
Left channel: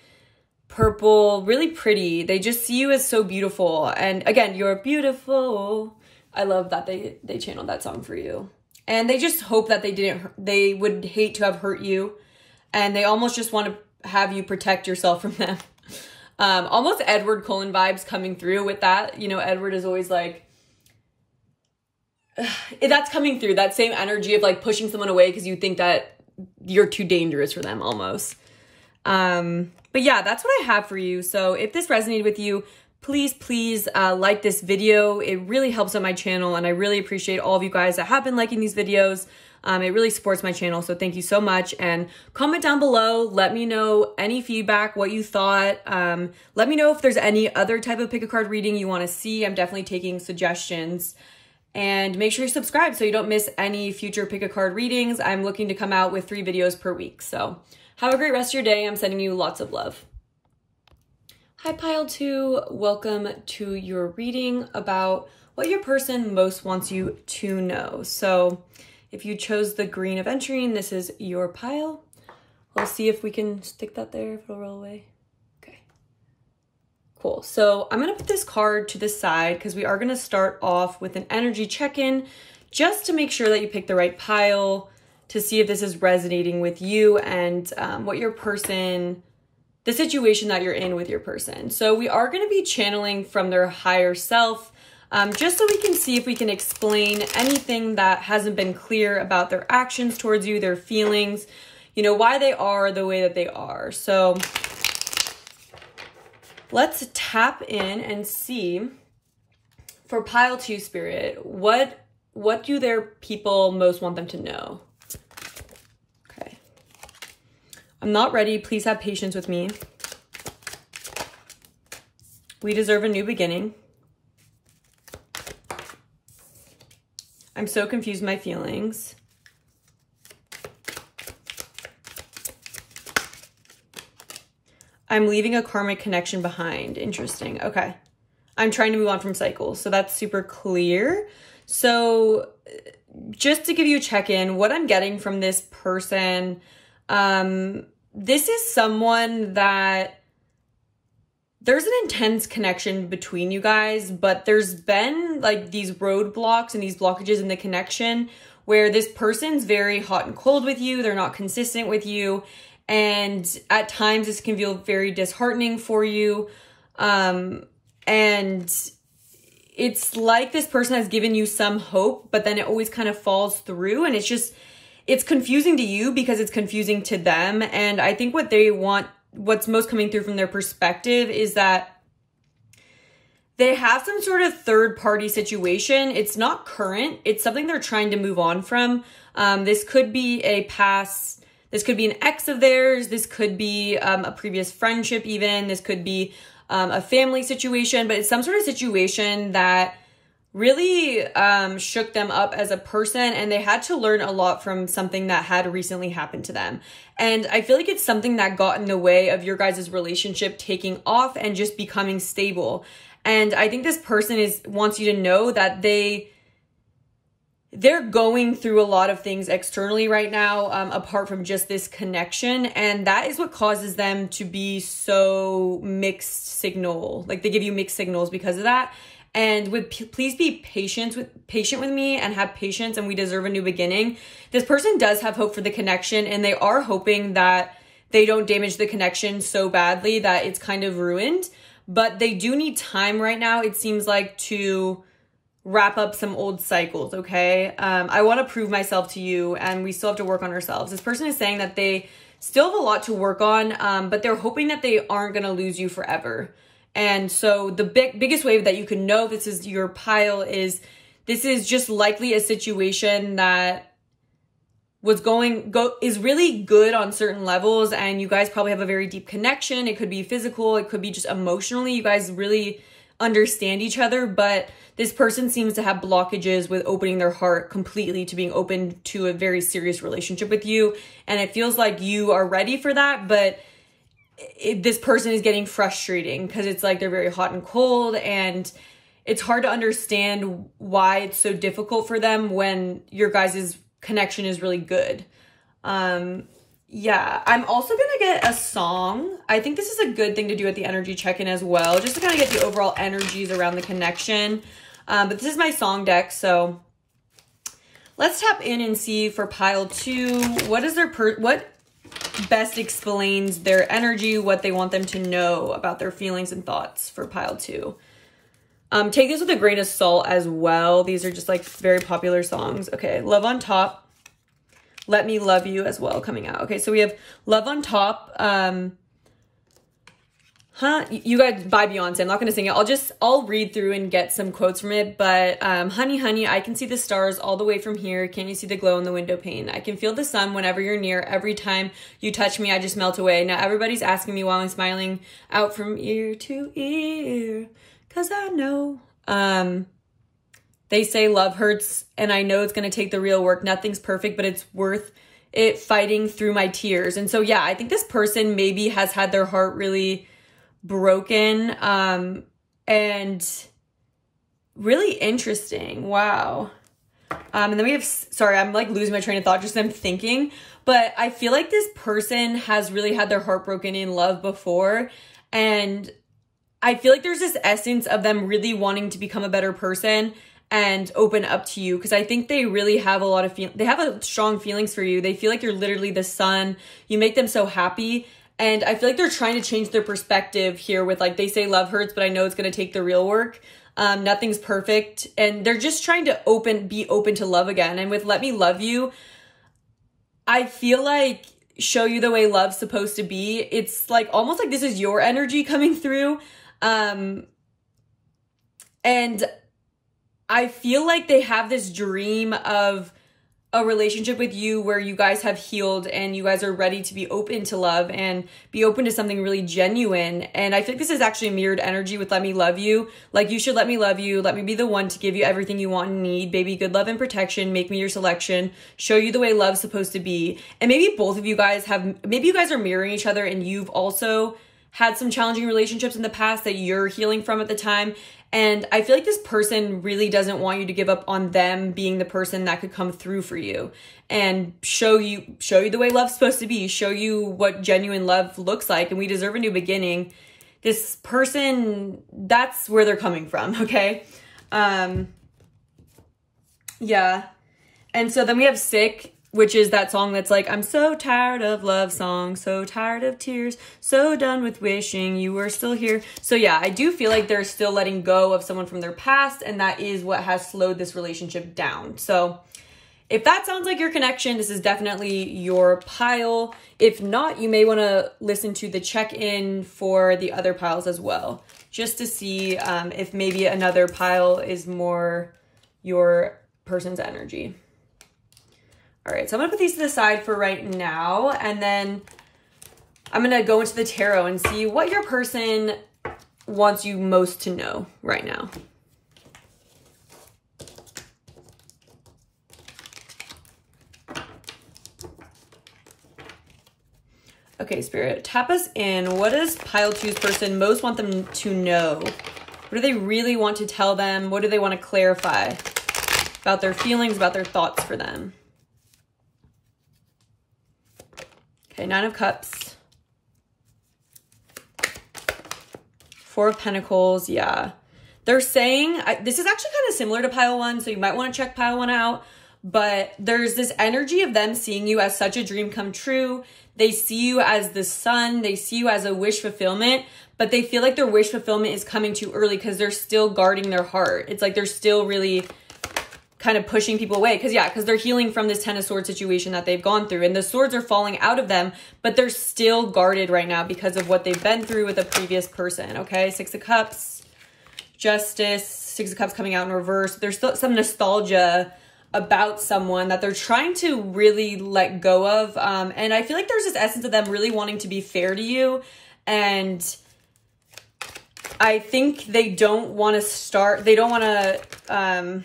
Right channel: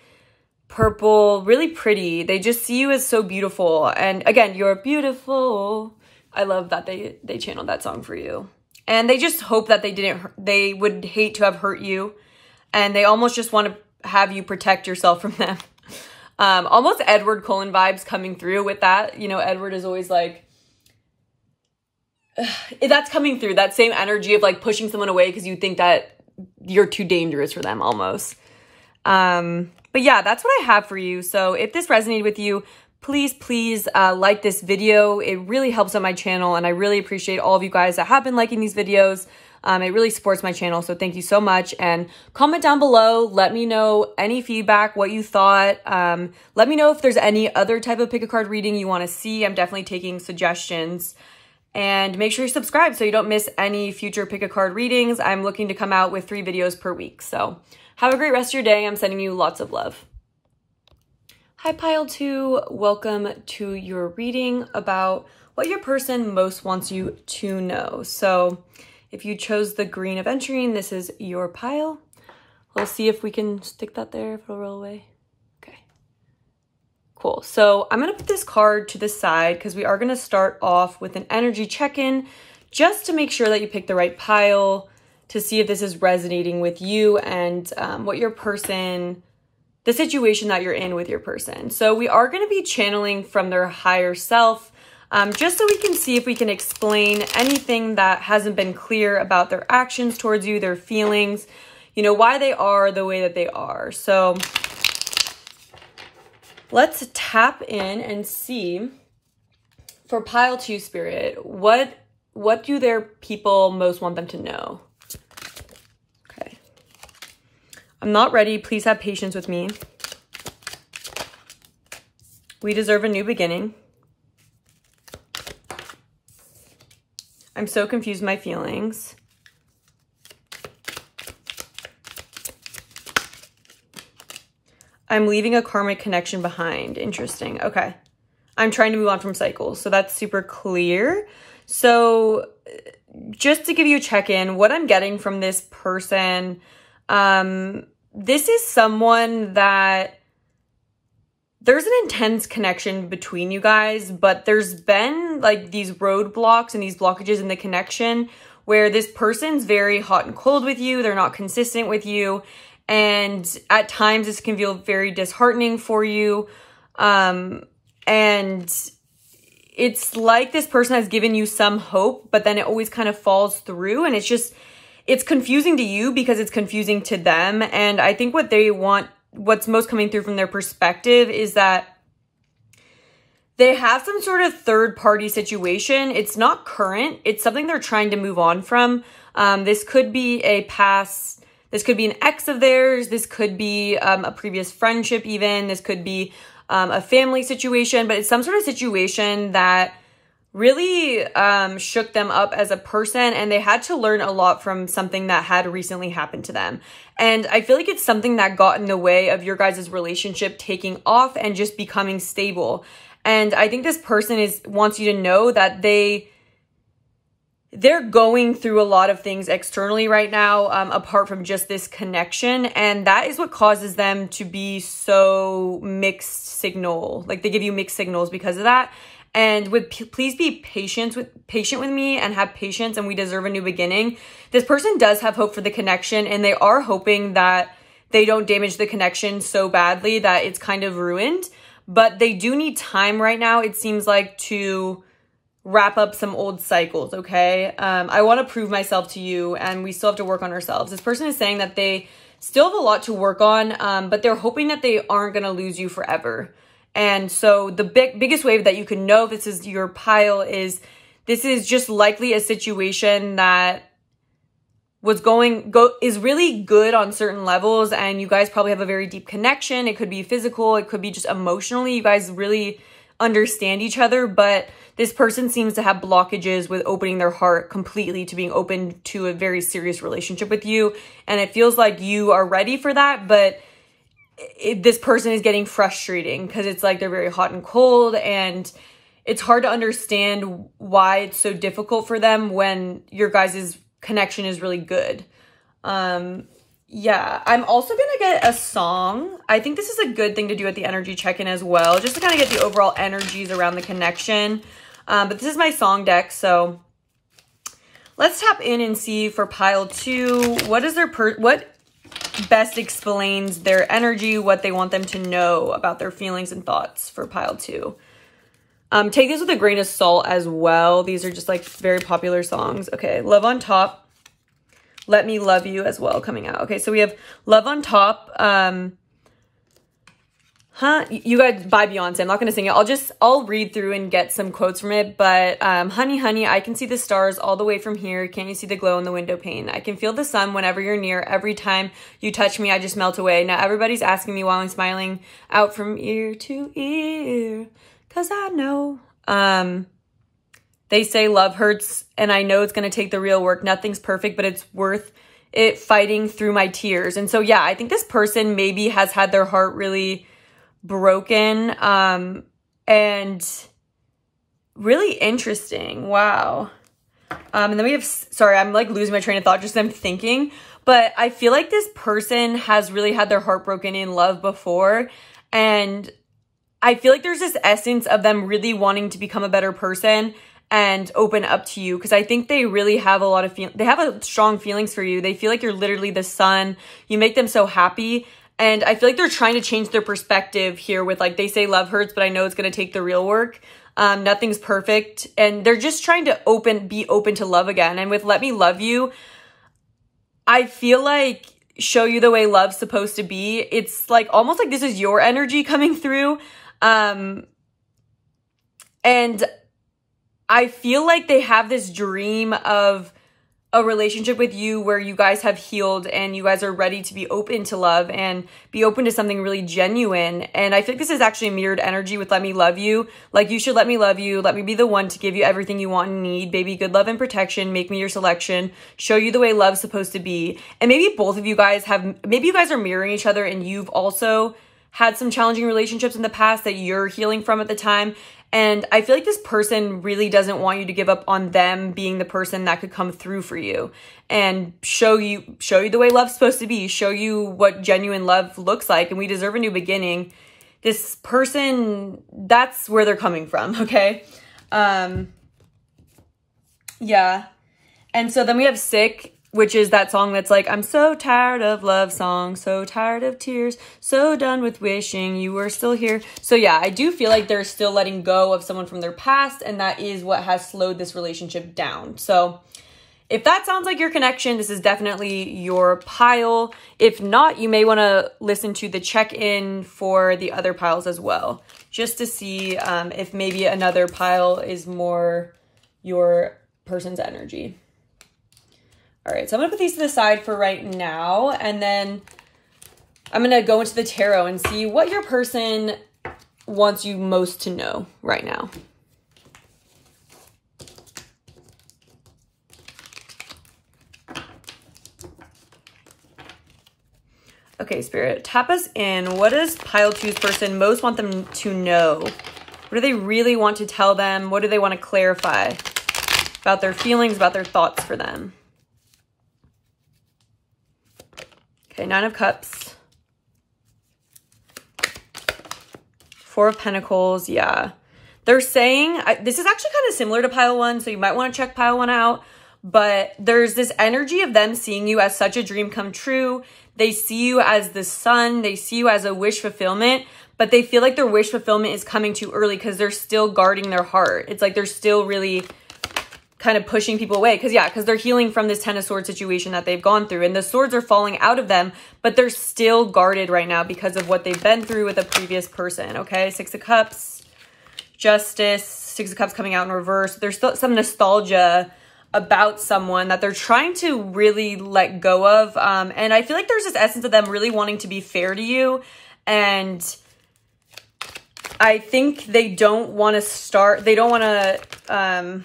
purple, really pretty. They just see you as so beautiful. And again, you're beautiful. I love that they channeled that song for you. And they just hope that they would hate to have hurt you. And they almost just want to have you protect yourself from them. Almost Edward Cullen vibes coming through with that. You know, Edward is always like, that's coming through, that same energy of like pushing someone away because you think that you're too dangerous for them almost. But yeah, that's what I have for you. So if this resonated with you, please like this video. It really helps on my channel and I really appreciate all of you guys that have been liking these videos. It really supports my channel, so thank you so much. And comment down below. Let me know any feedback, what you thought. Let me know if there's any other type of pick a card reading you want to see. I'm definitely taking suggestions. And make sure you subscribe so you don't miss any future pick a card readings. I'm looking to come out with 3 videos per week. So have a great rest of your day. I'm sending you lots of love. Hi, Pile 2. Welcome to your reading about what your person most wants you to know. So if you chose the green of entering, this is your pile. We'll see if we can stick that there, if it'll roll away. Okay, cool. So I'm gonna put this card to the side because we are gonna start off with an energy check-in just to make sure that you pick the right pile, to see if this is resonating with you and what your person the situation that you're in with your person. So we are going to be channeling from their higher self, just so we can see if we can explain anything that hasn't been clear about their actions towards you, their feelings, you know, why they are the way that they are. So let's tap in and see for pile 2 spirit, what do their people most want them to know? Okay. I'm not ready. Please have patience with me. We deserve a new beginning. I'm so confused with my feelings. I'm leaving a karmic connection behind. Interesting. Okay. I'm trying to move on from cycles. So that's super clear. So just to give you a check-in, what I'm getting from this person, this is someone that there's an intense connection between you guys, but there's been like these roadblocks and these blockages in the connection where this person's very hot and cold with you. They're not consistent with you. And at times this can feel very disheartening for you. And it's like this person has given you some hope, but then it always kind of falls through. And it's confusing to you because it's confusing to them. And I think what they want, what's most coming through from their perspective is that they have some sort of third-party situation. It's not current. It's something they're trying to move on from. This could be a past, this could be an ex of theirs. This could be a previous friendship even. This could be a family situation, but it's some sort of situation that really shook them up as a person, and they had to learn a lot from something that had recently happened to them. And I feel like it's something that got in the way of your guys' relationship taking off and just becoming stable. And I think this person wants you to know that they're going through a lot of things externally right now, apart from just this connection. And that is what causes them to be so mixed signal. Like they give you mixed signals because of that. And please be patient with me and have patience, and we deserve a new beginning. This person does have hope for the connection, and they are hoping that they don't damage the connection so badly that it's kind of ruined. But they do need time right now, it seems like, to wrap up some old cycles, okay? I want to prove myself to you, and we still have to work on ourselves. This person is saying that they still have a lot to work on, but they're hoping that they aren't going to lose you forever. And so the biggest way that you can know this is your pile is this is just likely a situation that is really good on certain levels, and you guys probably have a very deep connection. It could be physical, it could be just emotionally. You guys really understand each other, but this person seems to have blockages with opening their heart completely to being open to a very serious relationship with you. And it feels like you are ready for that, but this person is getting frustrating because it's like they're very hot and cold, and it's hard to understand why it's so difficult for them when your guys' connection is really good. Yeah, I'm also gonna get a song. I think this is a good thing to do at the energy check-in as well, just to kind of get the overall energies around the connection. But this is my song deck, so let's tap in and see for pile 2, what best explains their energy, what they want them to know about their feelings and thoughts for pile 2. Take this with a grain of salt as well. These are just like very popular songs. Okay, Love on Top, Let Me Love You as well coming out. Okay, so we have Love on Top. You guys, by Beyonce. I'm not going to sing it. I'll read through and get some quotes from it. But, honey, honey, I can see the stars all the way from here. Can't you see the glow in the window pane? I can feel the sun whenever you're near. Every time you touch me, I just melt away. Now everybody's asking me while I'm smiling out from ear to ear, 'cause I know. They say love hurts, and I know it's going to take the real work. Nothing's perfect, but it's worth it fighting through my tears. And so, yeah, I think this person maybe has had their heart really broken, and really interesting. Wow. And then we have, sorry, I'm like losing my train of thought just I'm thinking, but I feel like this person has really had their heart broken in love before, and I feel like there's this essence of them really wanting to become a better person and open up to you, because I think they really have a lot of they have strong feelings for you. They feel like you're literally the sun. You make them so happy. And I feel like they're trying to change their perspective here with like, they say love hurts, but I know it's going to take the real work. Nothing's perfect. And they're just trying to be open to love again. And with Let Me Love You, I feel like show you the way love's supposed to be. It's like almost like this is your energy coming through. And I feel like they have this dream of a relationship with you where you guys have healed and you guys are ready to be open to love and be open to something really genuine. And I think this is actually mirrored energy with Let Me Love You. Like, you should let me love you. Let me be the one to give you everything you want and need. Baby, good love and protection. Make me your selection. Show you the way love's supposed to be. And maybe both of you guys maybe you guys are mirroring each other and you've also had some challenging relationships in the past that you're healing from at the time. And I feel like this person really doesn't want you to give up on them being the person that could come through for you and show you the way love's supposed to be, show you what genuine love looks like. And we deserve a new beginning. This person, that's where they're coming from, okay? Yeah. And so then we have Sick, which is that song that's like, I'm so tired of love songs, so tired of tears, so done with wishing you were still here. So yeah, I do feel like they're still letting go of someone from their past, and that is what has slowed this relationship down. So if that sounds like your connection, this is definitely your pile. If not, you may want to listen to the check-in for the other piles as well, just to see if maybe another pile is more your person's energy. All right, so I'm gonna put these to the side for right now, and then I'm gonna go into the tarot and see what your person wants you most to know right now. Okay, Spirit, tap us in. What does pile two's person most want them to know? What do they really want to tell them? What do they want to clarify about their feelings, about their thoughts for them? Okay, Nine of Cups. Four of Pentacles, yeah. They're saying, this is actually kind of similar to pile one, so you might want to check pile one out, but there's this energy of them seeing you as such a dream come true. They see you as the sun, they see you as a wish fulfillment, but they feel like their wish fulfillment is coming too early because they're still guarding their heart. It's like they're still really kind of pushing people away because they're healing from this Ten of Swords situation that they've gone through, and the swords are falling out of them, but they're still guarded right now because of what they've been through with a previous person. Okay, Six of Cups, Justice, Six of Cups coming out in reverse. There's still some nostalgia about someone that they're trying to really let go of, and I feel like there's this essence of them really wanting to be fair to you, and I think they don't want to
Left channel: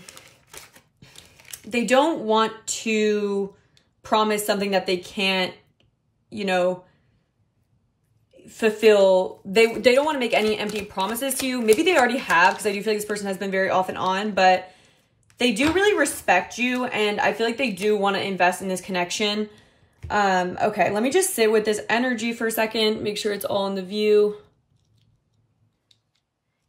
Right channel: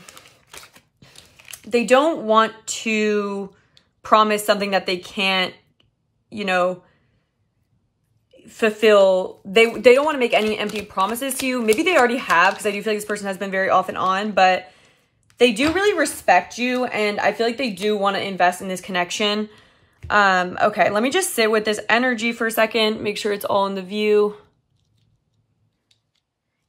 they don't want to promise something that they can't, you know, fulfill. They don't want to make any empty promises to you. Maybe they already have, because I do feel like this person has been very off and on, but they do really respect you, and I feel like they do want to invest in this connection. Okay, let me just sit with this energy for a second, make sure it's all in the view.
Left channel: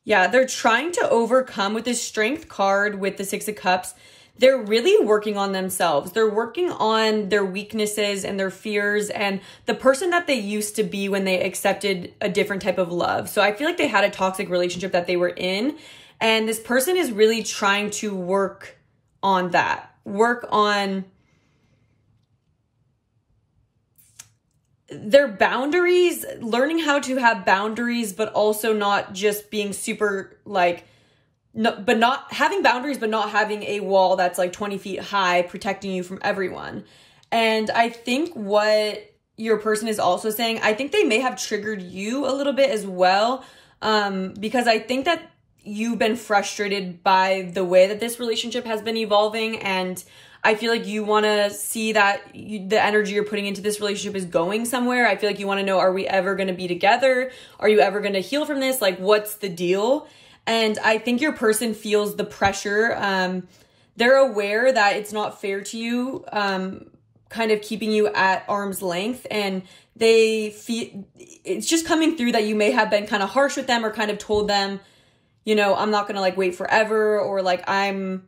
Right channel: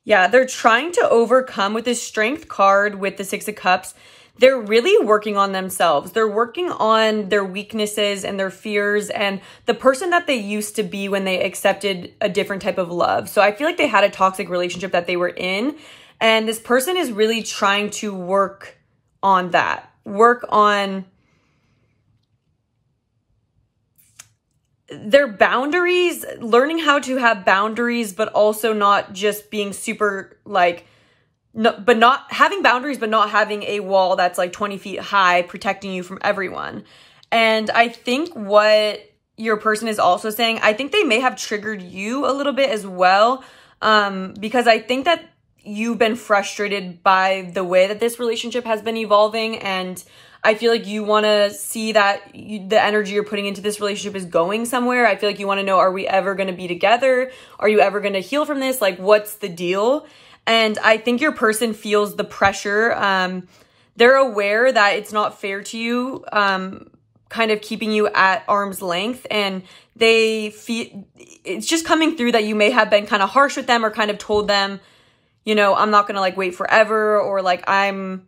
Yeah, they're trying to overcome with this Strength card with the Six of Cups. They're really working on themselves. They're working on their weaknesses and their fears and the person that they used to be when they accepted a different type of love. So I feel like they had a toxic relationship that they were in, and this person is really trying to work on that. Work on their boundaries, learning how to have boundaries, but also not just being super like, no, but not having boundaries, but not having a wall that's like 20 feet high protecting you from everyone. And I think what your person is also saying, I think they may have triggered you a little bit as well, because I think that you've been frustrated by the way that this relationship has been evolving, and I feel like you want to see that the energy you're putting into this relationship is going somewhere. I feel like you want to know, are we ever going to be together? Are you ever going to heal from this? Like, what's the deal? And I think your person feels the pressure. They're aware that it's not fair to you, kind of keeping you at arm's length. And they feel it's just coming through that you may have been kind of harsh with them or kind of told them, you know, I'm not going to like wait forever, or like I'm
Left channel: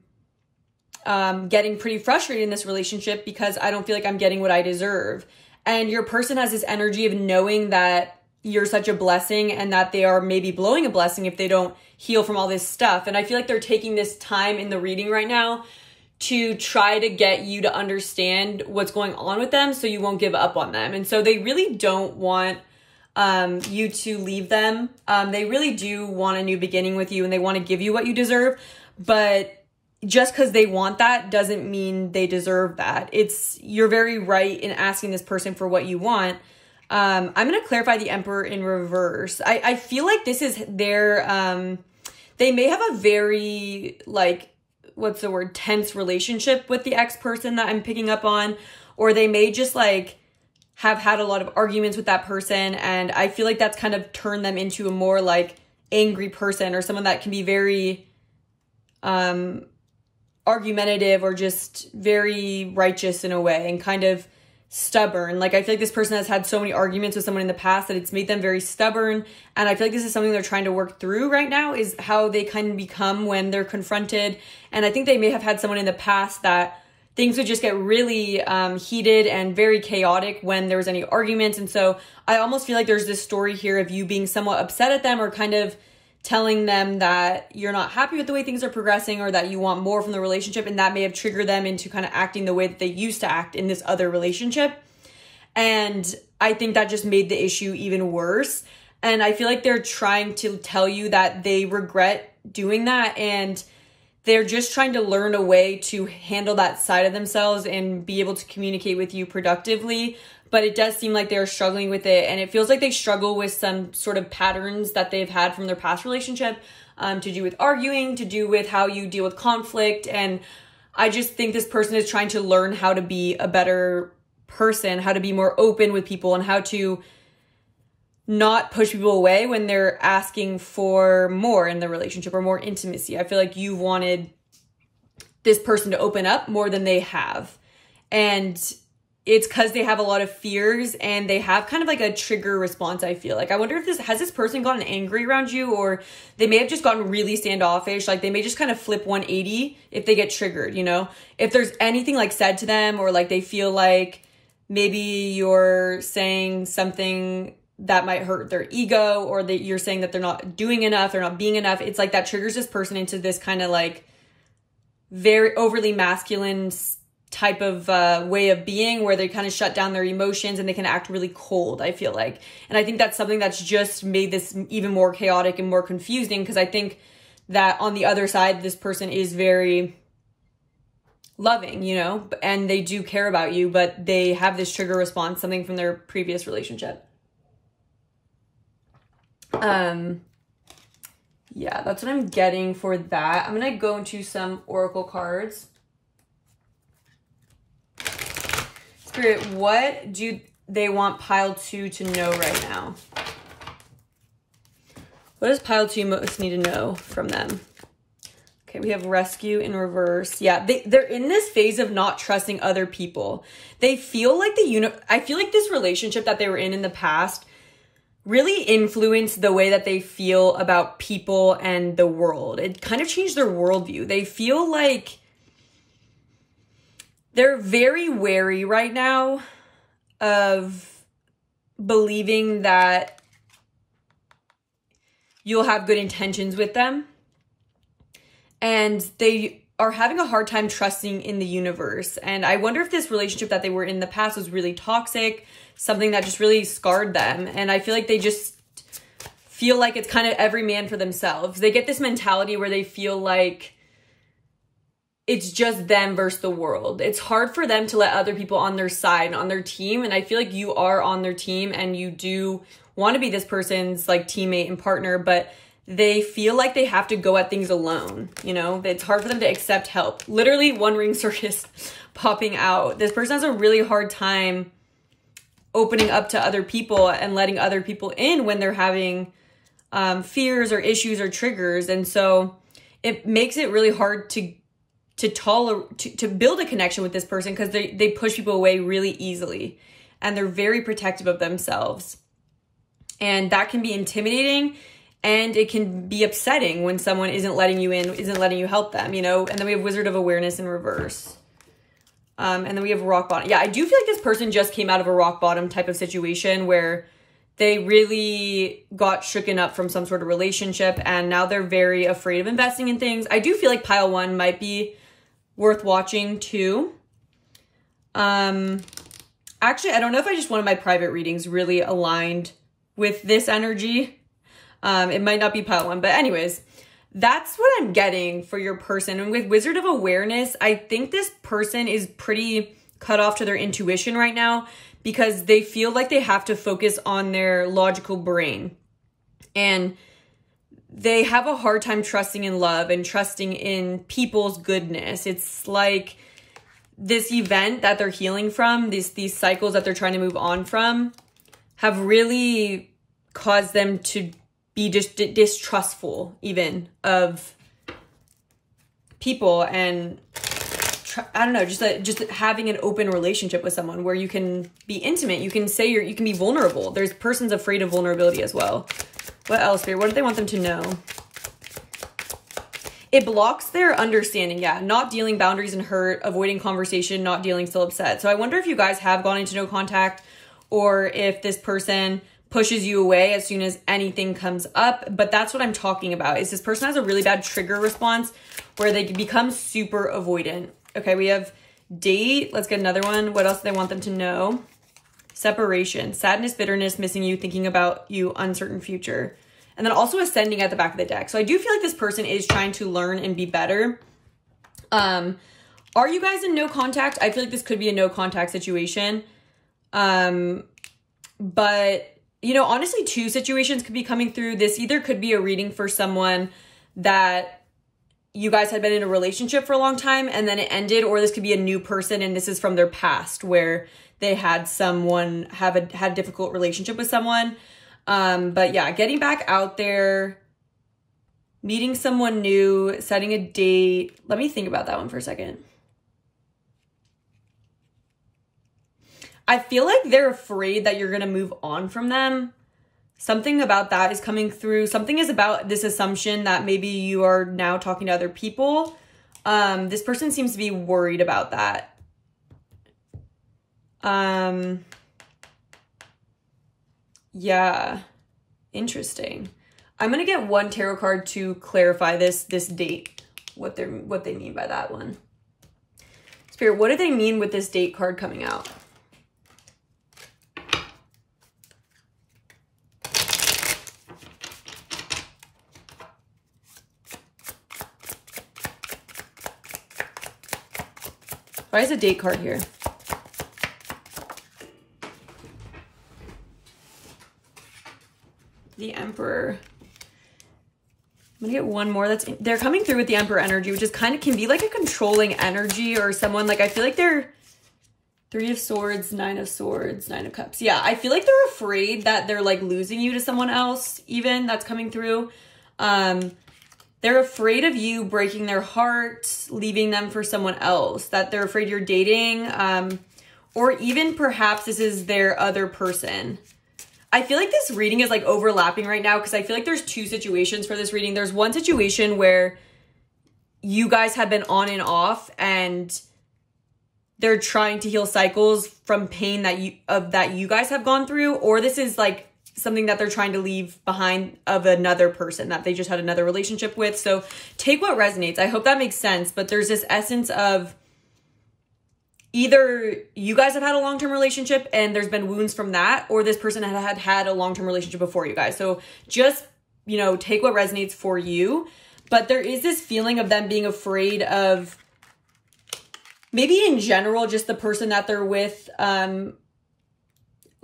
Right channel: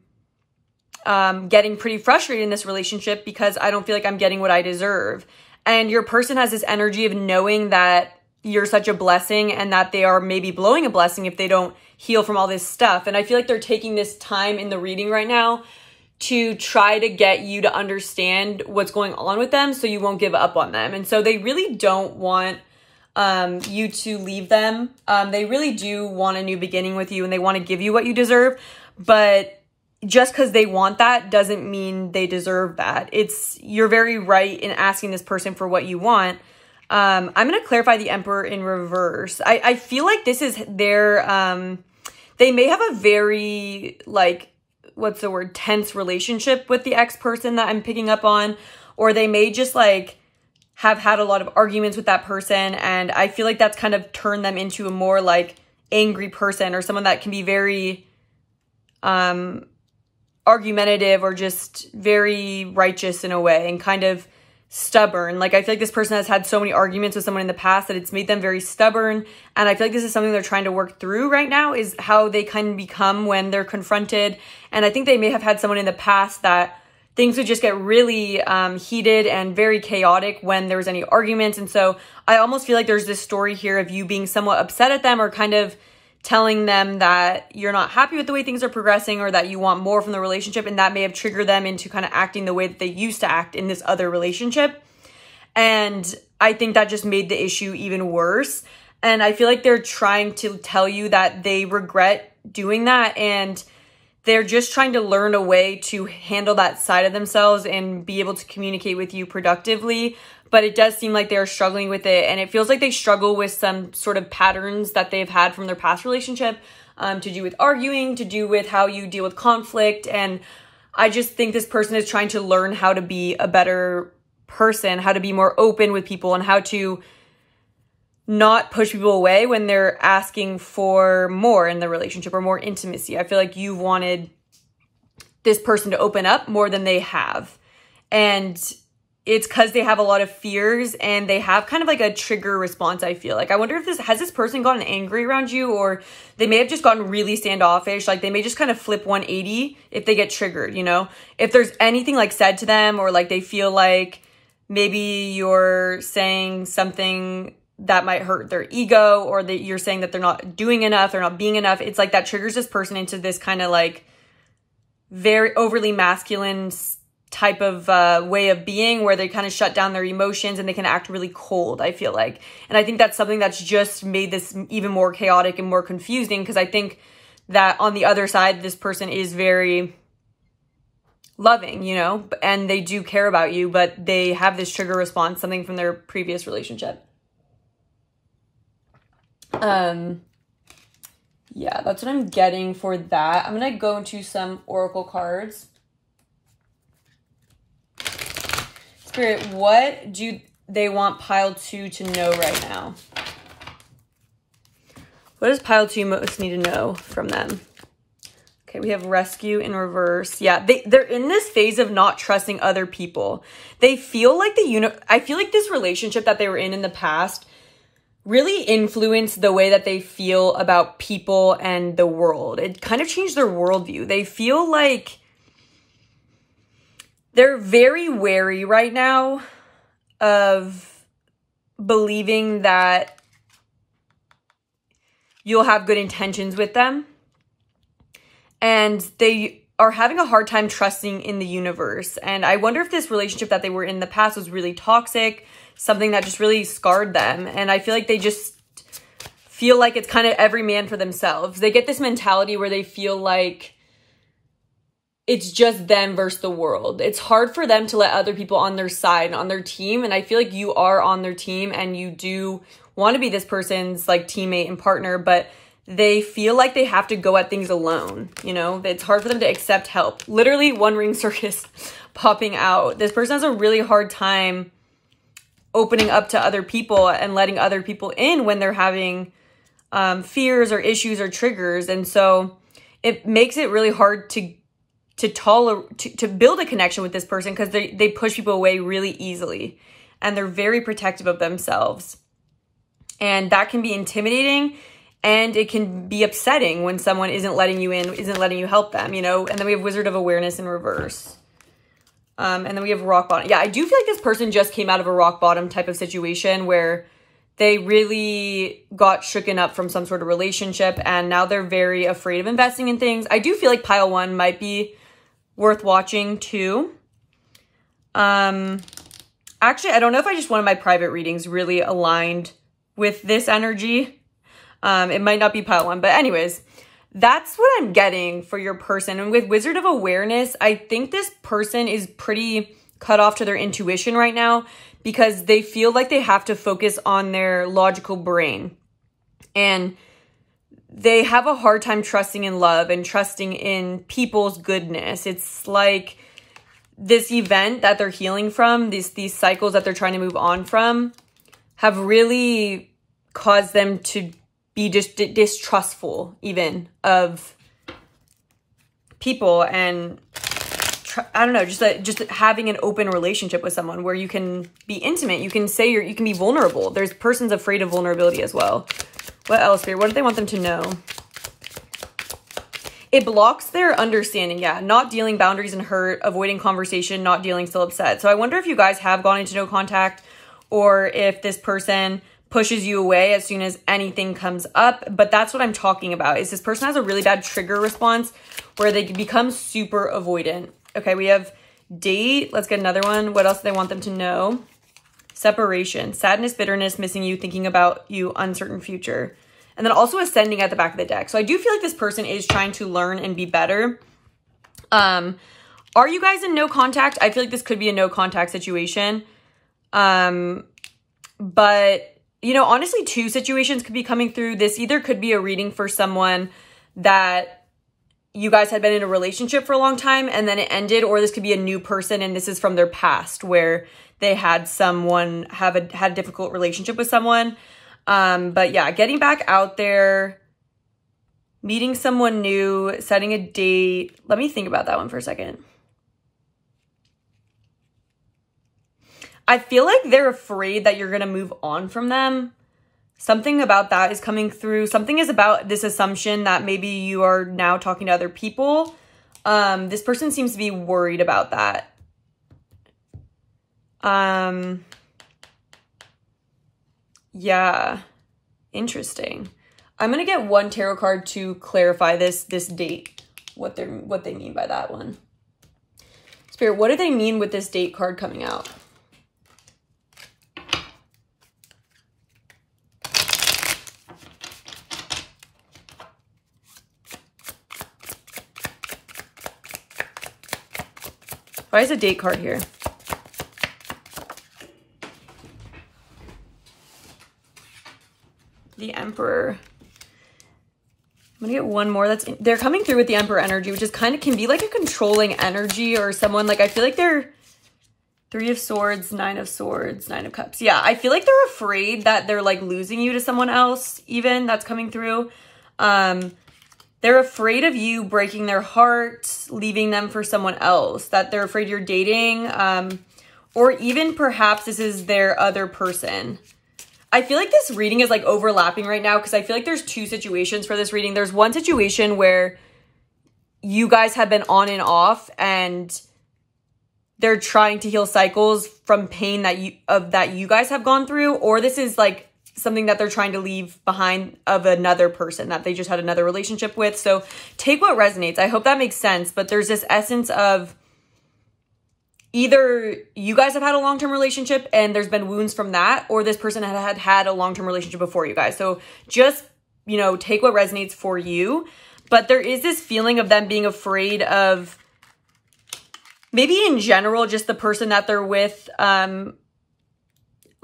getting pretty frustrated in this relationship because I don't feel like I'm getting what I deserve. And your person has this energy of knowing that you're such a blessing and that they are maybe blowing a blessing if they don't heal from all this stuff. And I feel like they're taking this time in the reading right now to try to get you to understand what's going on with them so you won't give up on them. And so they really don't want you to leave them. They really do want a new beginning with you and they want to give you what you deserve. But just because they want that doesn't mean they deserve that. You're very right in asking this person for what you want. I'm going to clarify the Emperor in reverse. I feel like this is their, they may have a very, like, what's the word, tense relationship with the ex-person that I'm picking up on, or they may just like have had a lot of arguments with that person. And I feel like that's kind of turned them into a more like angry person or someone that can be very, argumentative or just very righteous in a way and kind of stubborn. Like, I feel like this person has had so many arguments with someone in the past that it's made them very stubborn. And I feel like this is something they're trying to work through right now, is how they kind of become when they're confronted. And I think they may have had someone in the past that things would just get really heated and very chaotic when there was any arguments. And so I almost feel like there's this story here of you being somewhat upset at them or kind of telling them that you're not happy with the way things are progressing or that you want more from the relationship. And that may have triggered them into kind of acting the way that they used to act in this other relationship. And I think that just made the issue even worse. And I feel like they're trying to tell you that they regret doing that. And they're just trying to learn a way to handle that side of themselves and be able to communicate with you productively. But it does seem like they're struggling with it. And it feels like they struggle with some sort of patterns that they've had from their past relationship, to do with arguing, to do with how you deal with conflict. And I just think this person is trying to learn how to be a better person, how to be more open with people, and how to not push people away when they're asking for more in the relationship or more intimacy. I feel like you wanted this person to open up more than they have. And it's because they have a lot of fears and they have kind of like a trigger response, I feel like. I wonder if has this person gotten angry around you, or they may have just gotten really standoffish. Like, they may just kind of flip 180 if they get triggered, you know? If there's anything like said to them, or like they feel like maybe you're saying something that might hurt their ego, or that you're saying that they're not doing enough, they're not being enough. It's like that triggers this person into this kind of like very overly masculine type of way of being, where they kind of shut down their emotions and they can act really cold, I feel like. And I think that's something that's just made this even more chaotic and more confusing, because I think that on the other side, this person is very loving, you know, and they do care about you, but they have this trigger response, something from their previous relationship. Yeah, that's what I'm getting for that. I'm gonna go into some oracle cards. Spirit, what do they want pile 2 to know right now? What does pile 2 most need to know from them? Okay, we have rescue in reverse. Yeah, they're in this phase of not trusting other people. They feel like I feel like this relationship that they were in the past really influenced the way that they feel about people and the world. It kind of changed their worldview. They feel like they're very wary right now of believing that you'll have good intentions with them. And they are having a hard time trusting in the universe. And I wonder if this relationship that they were in the past was really toxic, something that just really scarred them. And I feel like they just feel like it's kind of every man for themselves. They get this mentality where they feel like it's just them versus the world. It's hard for them to let other people on their side, on their team. And I feel like you are on their team and you do want to be this person's like teammate and partner, but they feel like they have to go at things alone. You know, it's hard for them to accept help. Literally one ring circus popping out. This person has a really hard time opening up to other people and letting other people in when they're having fears or issues or triggers. And so it makes it really hard to build a connection with this person, because they push people away really easily and they're very protective of themselves. And that can be intimidating, and it can be upsetting when someone isn't letting you in, isn't letting you help them, you know? And then we have Wizard of Awareness in reverse. And then we have rock bottom. Yeah, I do feel like this person just came out of a rock bottom type of situation where they really got shooken up from some sort of relationship and now they're very afraid of investing in things. I do feel like pile one might be worth watching too. Actually, I don't know if I just wanted my private readings really aligned with this energy. It might not be pile one, but anyways, that's what I'm getting for your person. And with Wizard of Awareness, I think this person is pretty cut off to their intuition right now because they feel like they have to focus on their logical brain. And they have a hard time trusting in love and trusting in people's goodness. It's like this event that they're healing from, these cycles that they're trying to move on from, have really caused them to be just distrustful even of people and I don't know, just having an open relationship with someone where you can be intimate, you can say you can be vulnerable. There's persons afraid of vulnerability as well. What else, Spirit? What do they want them to know? It blocks their understanding. Yeah, not dealing, boundaries and hurt, avoiding conversation, not dealing, still upset. So I wonder if you guys have gone into no contact or if this person pushes you away as soon as anything comes up. But that's what I'm talking about, is this person has a really bad trigger response where they become super avoidant. Okay, we have date. Let's get another one. What else do they want them to know? Separation, sadness, bitterness, missing you, thinking about you, uncertain future. And then also ascending at the back of the deck. So I do feel like this person is trying to learn and be better. Are you guys in no contact? I feel like this could be a no contact situation. But, you know, honestly, two situations could be coming through. This either could be a reading for someone that you guys had been in a relationship for a long time and then it ended, or this could be a new person and this is from their past where they had someone had a difficult relationship with someone. But yeah, getting back out there, meeting someone new, setting a date. Let me think about that one for a second. I feel like they're afraid that you're going to move on from them. Something about that is coming through. Something is about this assumption that maybe you are now talking to other people. This person seems to be worried about that. Yeah, interesting. I'm gonna get one tarot card to clarify this date, what they mean by that one. Spirit, what do they mean with this date card coming out? Why is a date card here? The Emperor. I'm gonna get one more. They're coming through with the Emperor energy, which is kind of can be like a controlling energy or someone like, I feel like they're Three of Swords, Nine of Swords, Nine of Cups. Yeah, I feel like they're afraid that they're like losing you to someone else even. That's coming through. They're afraid of you breaking their heart, leaving them for someone else, that they're afraid you're dating, or even perhaps this is their other person. I feel like this reading is like overlapping right now because I feel like there's two situations for this reading. There's one situation where you guys have been on and off and they're trying to heal cycles from pain that you guys have gone through, or this is like something that they're trying to leave behind of another person that they just had another relationship with. So take what resonates. I hope that makes sense. But there's this essence of either you guys have had a long-term relationship and there's been wounds from that, or this person had a long-term relationship before you guys. So just, you know, take what resonates for you. But there is this feeling of them being afraid of maybe in general, just the person that they're with,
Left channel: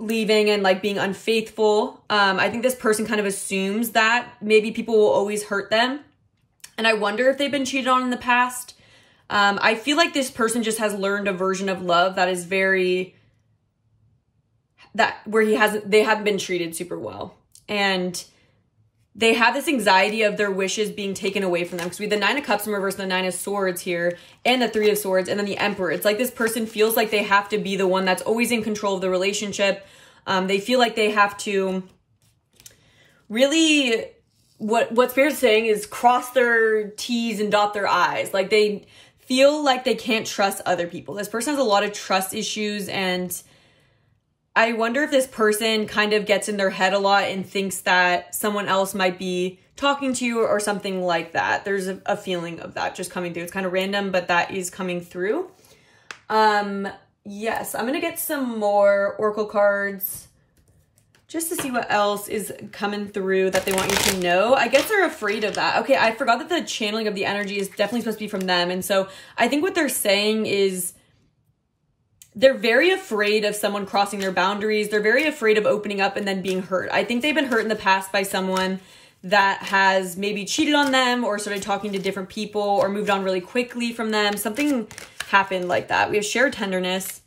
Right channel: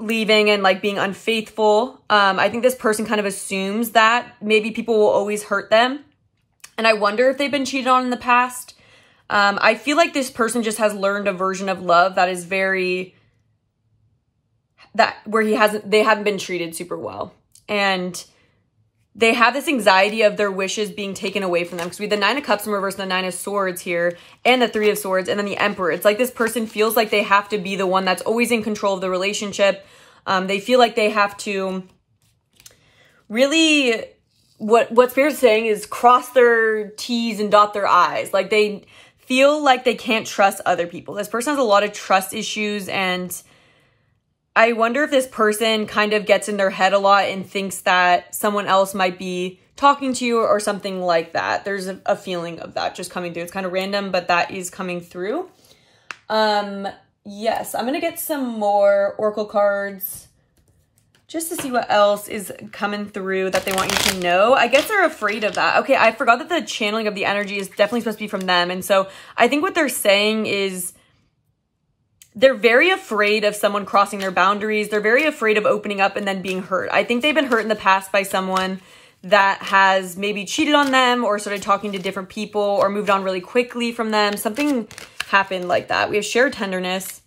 leaving and like being unfaithful. I think this person kind of assumes that maybe people will always hurt them. And I wonder if they've been cheated on in the past. I feel like this person just has learned a version of love that is where they haven't been treated super well. And they have this anxiety of their wishes being taken away from them. Because we have the Nine of Cups in reverse and the Nine of Swords here, and the Three of Swords, and then the Emperor. It's like this person feels like they have to be the one that's always in control of the relationship. They feel like they have to really, what Spirit's saying is cross their T's and dot their I's. Like they feel like they can't trust other people. This person has a lot of trust issues, and I wonder if this person kind of gets in their head a lot and thinks that someone else might be talking to you or something like that. There's a feeling of that just coming through. It's kind of random, but that is coming through. Yes, I'm going to get some more oracle cards just to see what else is coming through that they want you to know. I guess they're afraid of that. Okay, I forgot that the channeling of the energy is definitely supposed to be from them. And so I think what they're saying is they're very afraid of someone crossing their boundaries. They're very afraid of opening up and then being hurt. I think they've been hurt in the past by someone that has maybe cheated on them or started talking to different people or moved on really quickly from them. Something happened like that. We have shared tenderness,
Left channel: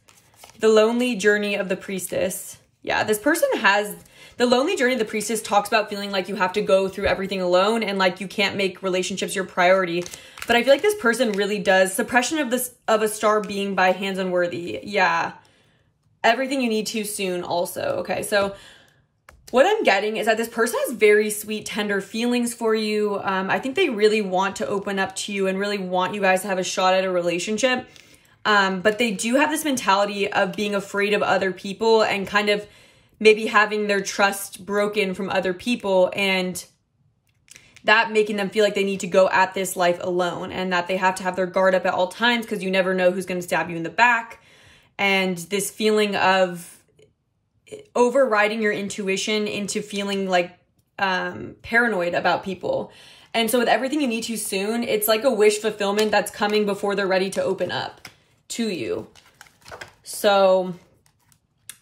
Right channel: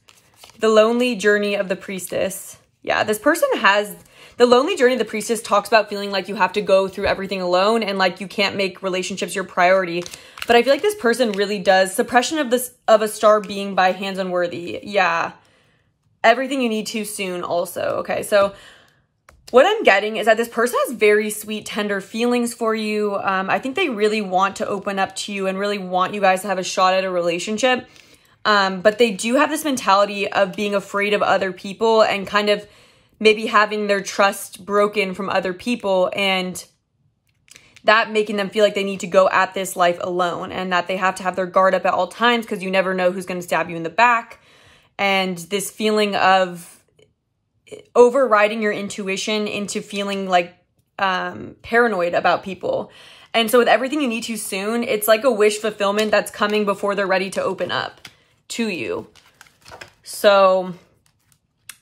the lonely journey of the priestess. Yeah, this person has the lonely journey of the priestess talks about feeling like you have to go through everything alone and like you can't make relationships your priority. But I feel like this person really does. Suppression of a star being by hands unworthy. Yeah. Everything you need too soon also. Okay, so what I'm getting is that this person has very sweet, tender feelings for you. I think they really want to open up to you and really want you guys to have a shot at a relationship. But they do have this mentality of being afraid of other people and kind of maybe having their trust broken from other people, and that making them feel like they need to go at this life alone and that they have to have their guard up at all times because you never know who's going to stab you in the back. And this feeling of overriding your intuition into feeling like paranoid about people. And so with everything you need too soon, it's like a wish fulfillment that's coming before they're ready to open up to you. So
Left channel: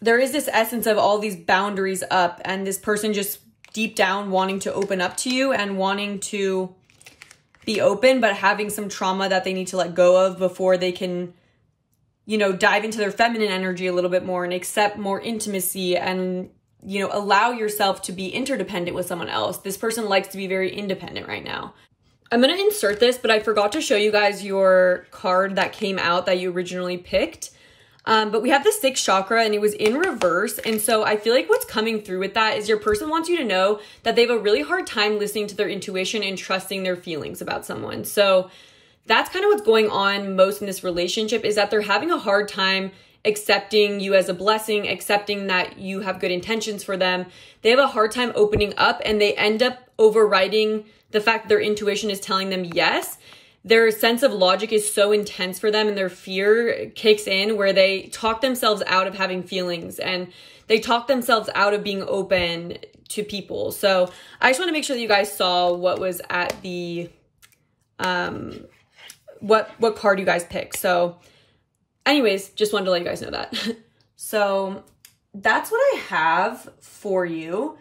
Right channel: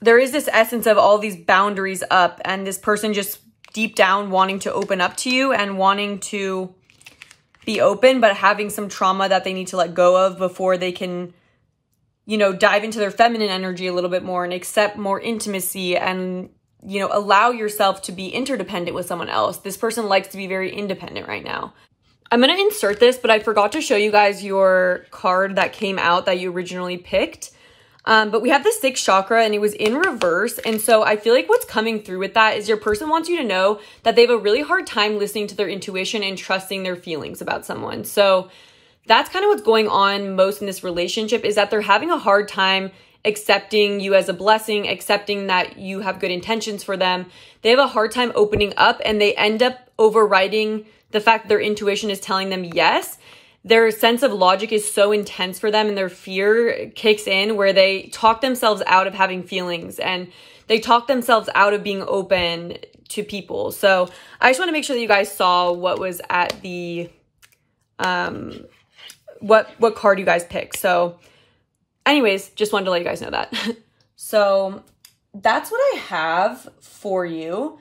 there is this essence of all these boundaries up and this person just deep down wanting to open up to you and wanting to be open, but having some trauma that they need to let go of before they can, you know, dive into their feminine energy a little bit more and accept more intimacy and, you know, allow yourself to be interdependent with someone else. This person likes to be very independent right now. I'm going to insert this, but I forgot to show you guys your card that came out that you originally picked. But we have the sixth chakra and it was in reverse. And so I feel like what's coming through with that is your person wants you to know that they have a really hard time listening to their intuition and trusting their feelings about someone. So that's kind of what's going on most in this relationship, is that they're having a hard time accepting you as a blessing, accepting that you have good intentions for them. They have a hard time opening up and they end up overriding the fact that their intuition is telling them yes. Their sense of logic is so intense for them and their fear kicks in where they talk themselves out of having feelings and they talk themselves out of being open to people. So I just want to make sure that you guys saw what was at the, what card you guys picked. So anyways, just wanted to let you guys know that. So that's what I have for you.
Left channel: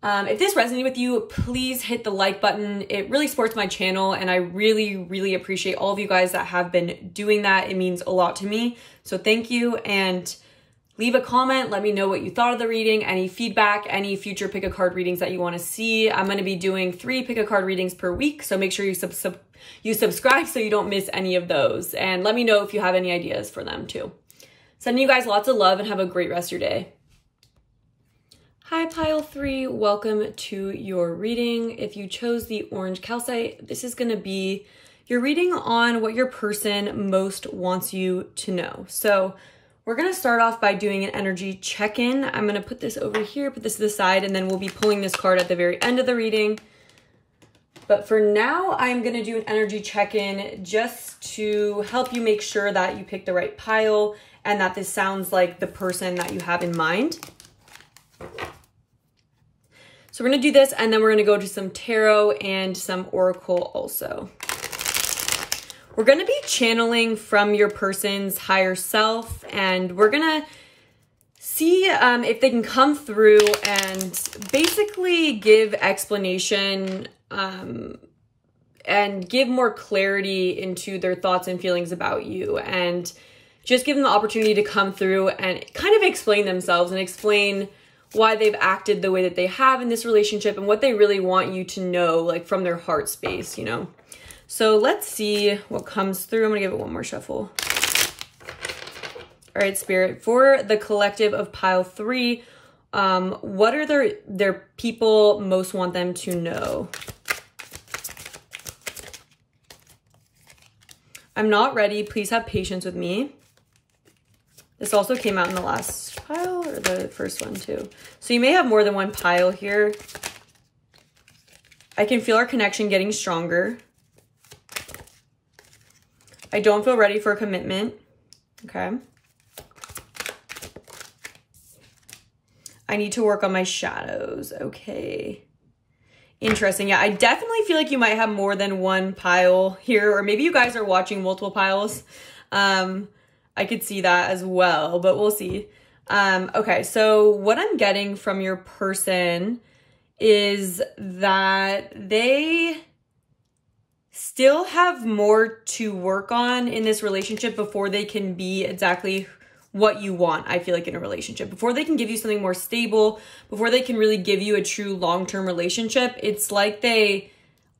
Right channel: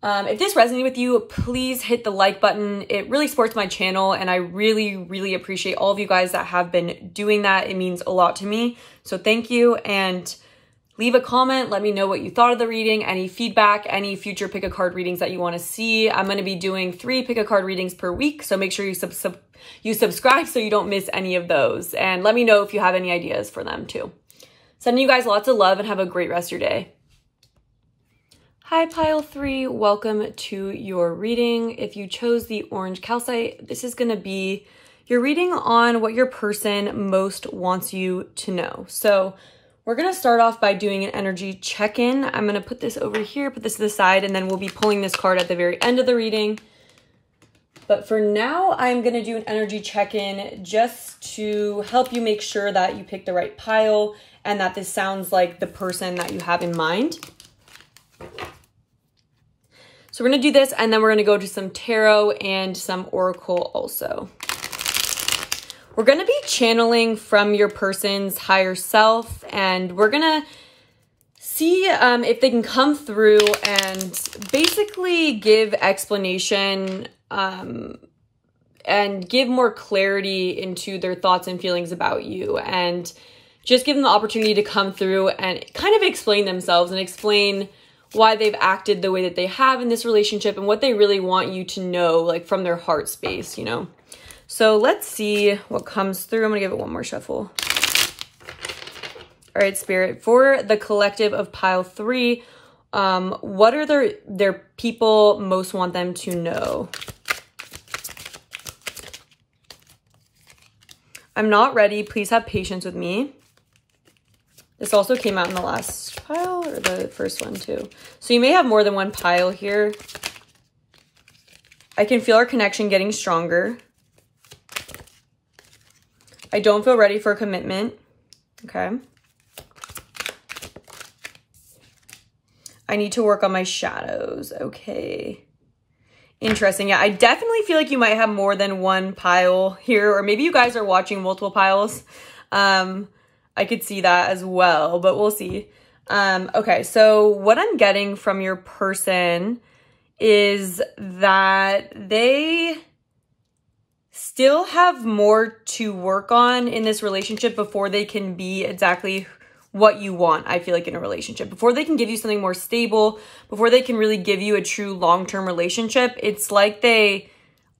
If this resonated with you, please hit the like button. It really supports my channel and I really, really appreciate all of you guys that have been doing that. It means a lot to me. So thank you, and leave a comment. Let me know what you thought of the reading, any feedback, any future pick a card readings that you want to see. I'm going to be doing 3 pick a card readings per week. So make sure you subscribe so you don't miss any of those, and let me know if you have any ideas for them too. Sending you guys lots of love and have a great rest of your day. Hi pile 3, welcome to your reading. If you chose the orange calcite, this is going to be your reading on what your person most wants you to know. So we're going to start off by doing an energy check-in. I'm going to put this over here, put this to the side, and then we'll be pulling this card at the very end of the reading. But for now, I'm going to do an energy check-in just to help you make sure that you pick the right pile and that this sounds like the person that you have in mind. So we're going to do this, and then we're going to go to some tarot and some oracle also. We're going to be channeling from your person's higher self, and we're going to see if they can come through and basically give explanation and give more clarity into their thoughts and feelings about you, and just give them the opportunity to come through and kind of explain themselves and explain why they've acted the way that they have in this relationship and what they really want you to know, like from their heart space, you know? So let's see what comes through. I'm gonna give it one more shuffle. All right, Spirit, for the collective of pile 3, what are their people most want them to know? I'm not ready. Please have patience with me. This also came out in the last pile or the first one too. So you may have more than one pile here. I can feel our connection getting stronger. I don't feel ready for a commitment. Okay. I need to work on my shadows. Okay. Interesting. Yeah, I definitely feel like you might have more than one pile here, or maybe you guys are watching multiple piles. I could see that as well, but we'll see. Okay, so what I'm getting from your person is that they still have more to work on in this relationship before they can be exactly what you want, I feel like, in a relationship. Before they can give you something more stable, before they can really give you a true long-term relationship, it's like they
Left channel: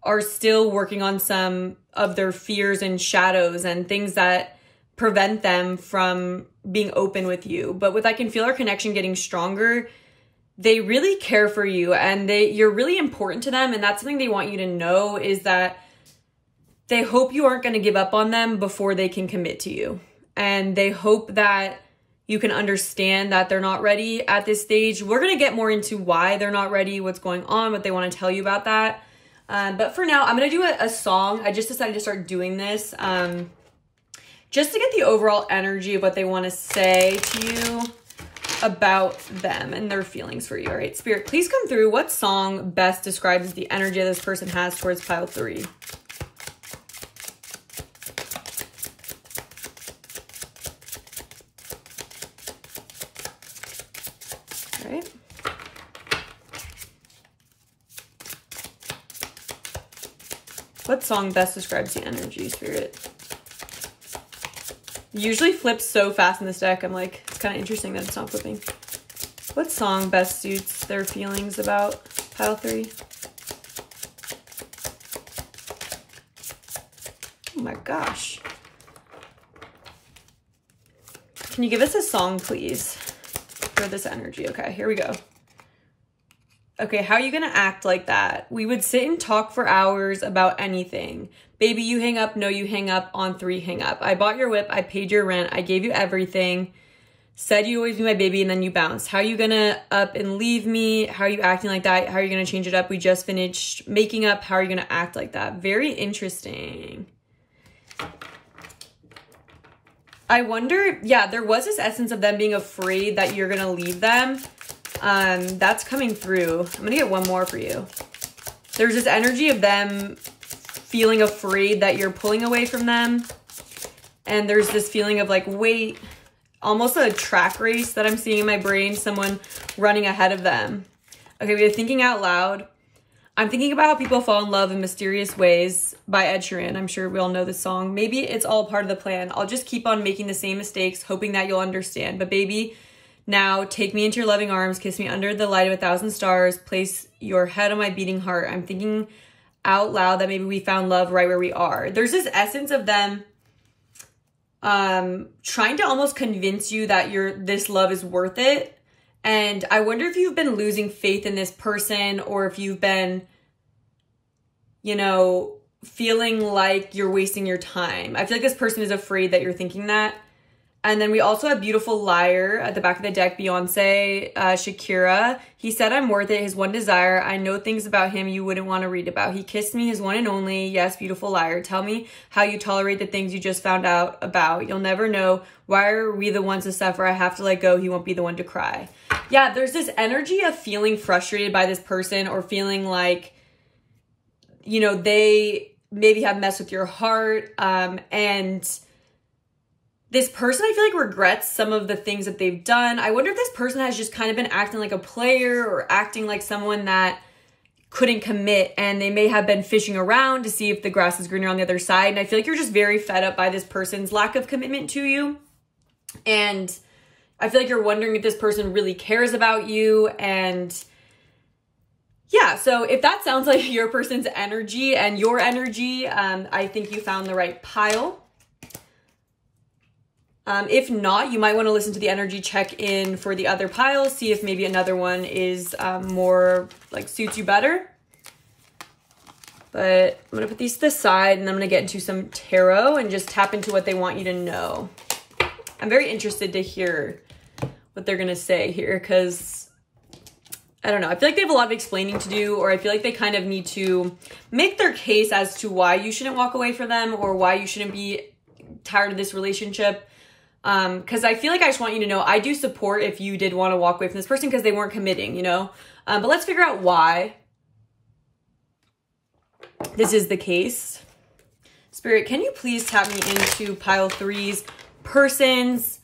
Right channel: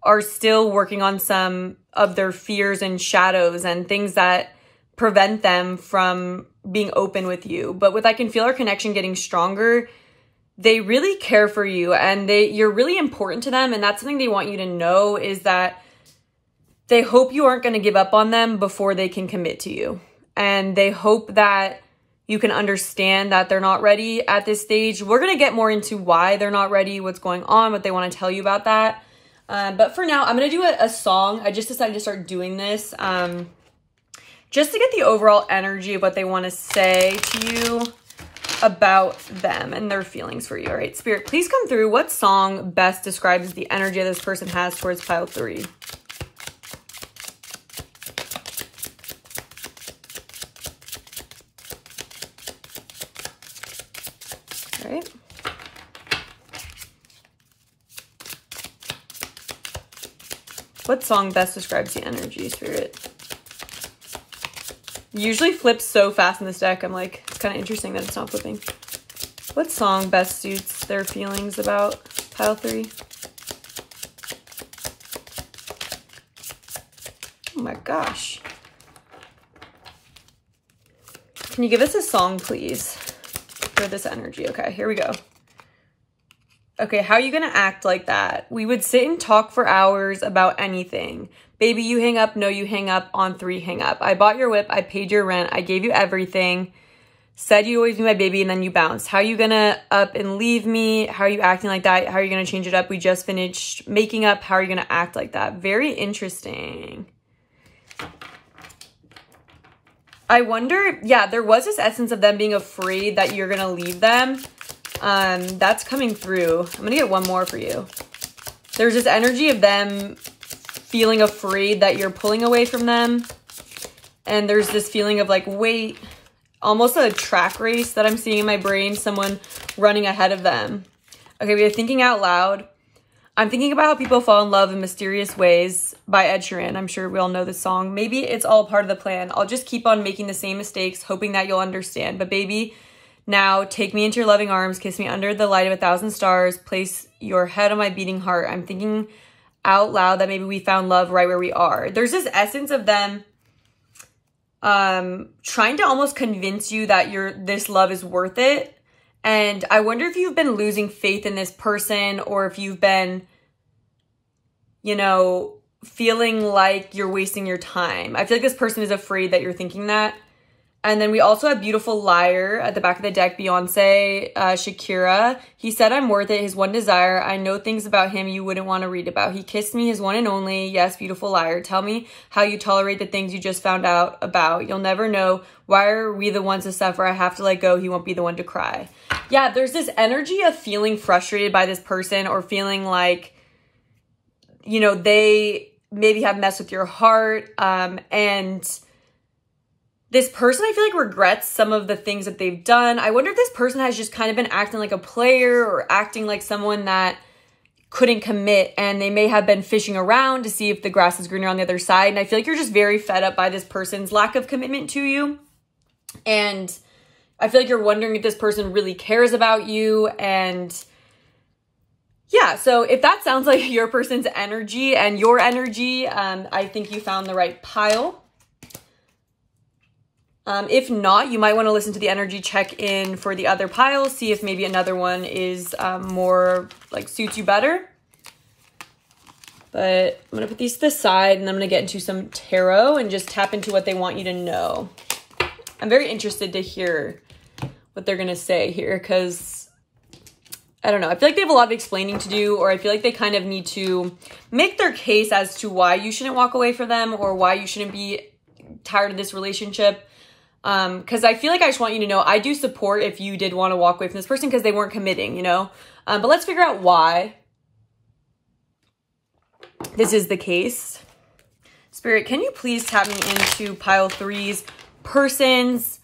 are still working on some of their fears and shadows and things that prevent them from being open with you. But with I can feel our connection getting stronger, they really care for you and you're really important to them. And that's something they want you to know, is that they hope you aren't going to give up on them before they can commit to you. And they hope that you can understand that they're not ready at this stage. We're going to get more into why they're not ready, what's going on, what they want to tell you about that. But for now, I'm going to do a song. I just decided to start doing this just to get the overall energy of what they want to say to you about them and their feelings for you. All right, Spirit, please come through. What song best describes the energy this person has towards pile 3? All right. What song best describes the energy, Spirit? Usually flips so fast in this deck. I'm like, it's kind of interesting that it's not flipping. What song best suits their feelings about pile 3? Oh my gosh. Can you give us a song, please, for this energy? Okay, here we go. Okay, how are you gonna act like that? We would sit and talk for hours about anything. Baby, you hang up. No, you hang up. On 3, hang up. I bought your whip. I paid your rent. I gave you everything. Said you always be my baby, and then you bounced. How are you gonna up and leave me? How are you acting like that? How are you gonna change it up? We just finished making up. How are you gonna act like that? Very interesting. I wonder, yeah, there was this essence of them being afraid that you're gonna leave them. That's coming through. I'm gonna get one more for you. There's this energy of them feeling afraid that you're pulling away from them. And there's this feeling of like, wait, almost a track race that I'm seeing in my brain, someone running ahead of them. Okay, we are thinking out loud. I'm thinking about how people fall in love in mysterious ways by Ed Sheeran. I'm sure we all know this song. Maybe it's all part of the plan. I'll just keep on making the same mistakes, hoping that you'll understand. But baby, now take me into your loving arms, kiss me under the light of 1,000 stars, place your head on my beating heart. I'm thinking out loud that maybe we found love right where we are. There's this essence of them trying to almost convince you that this love is worth it. And I wonder if you've been losing faith in this person, or if you've been, you know, feeling like you're wasting your time. I feel like this person is afraid that you're thinking that. And then we also have Beautiful Liar at the back of the deck, Beyonce, Shakira. He said I'm worth it, his one desire. I know things about him you wouldn't want to read about. He kissed me, his one and only. Yes, beautiful liar. Tell me how you tolerate the things you just found out about. You'll never know. Why are we the ones to suffer? I have to let go. He won't be the one to cry. Yeah, there's this energy of feeling frustrated by this person, or feeling like, you know, they maybe have messed with your heart. And this person, I feel like, regrets some of the things that they've done. I wonder if this person has just kind of been acting like a player, or acting like someone that couldn't commit, and they may have been fishing around to see if the grass is greener on the other side. And I feel like you're just very fed up by this person's lack of commitment to you. And I feel like you're wondering if this person really cares about you. And yeah, so if that sounds like your person's energy and your energy, I think you found the right pile. If not, you might want to listen to the energy check-in for the other piles, see if maybe another one is more, like, suits you better. But I'm going to put these to the side, and I'm going to get into some tarot and just tap into what they want you to know. I'm very interested to hear what they're going to say here, because I don't know. I feel like they have a lot of explaining to do, or I feel like they kind of need to make their case as to why you shouldn't walk away from them or why you shouldn't be tired of this relationship. Because I feel like I just want you to know I do support if you did want to walk away from this person because they weren't committing, you know? But let's figure out why this is the case. Spirit, can you please tap me into pile 3's person's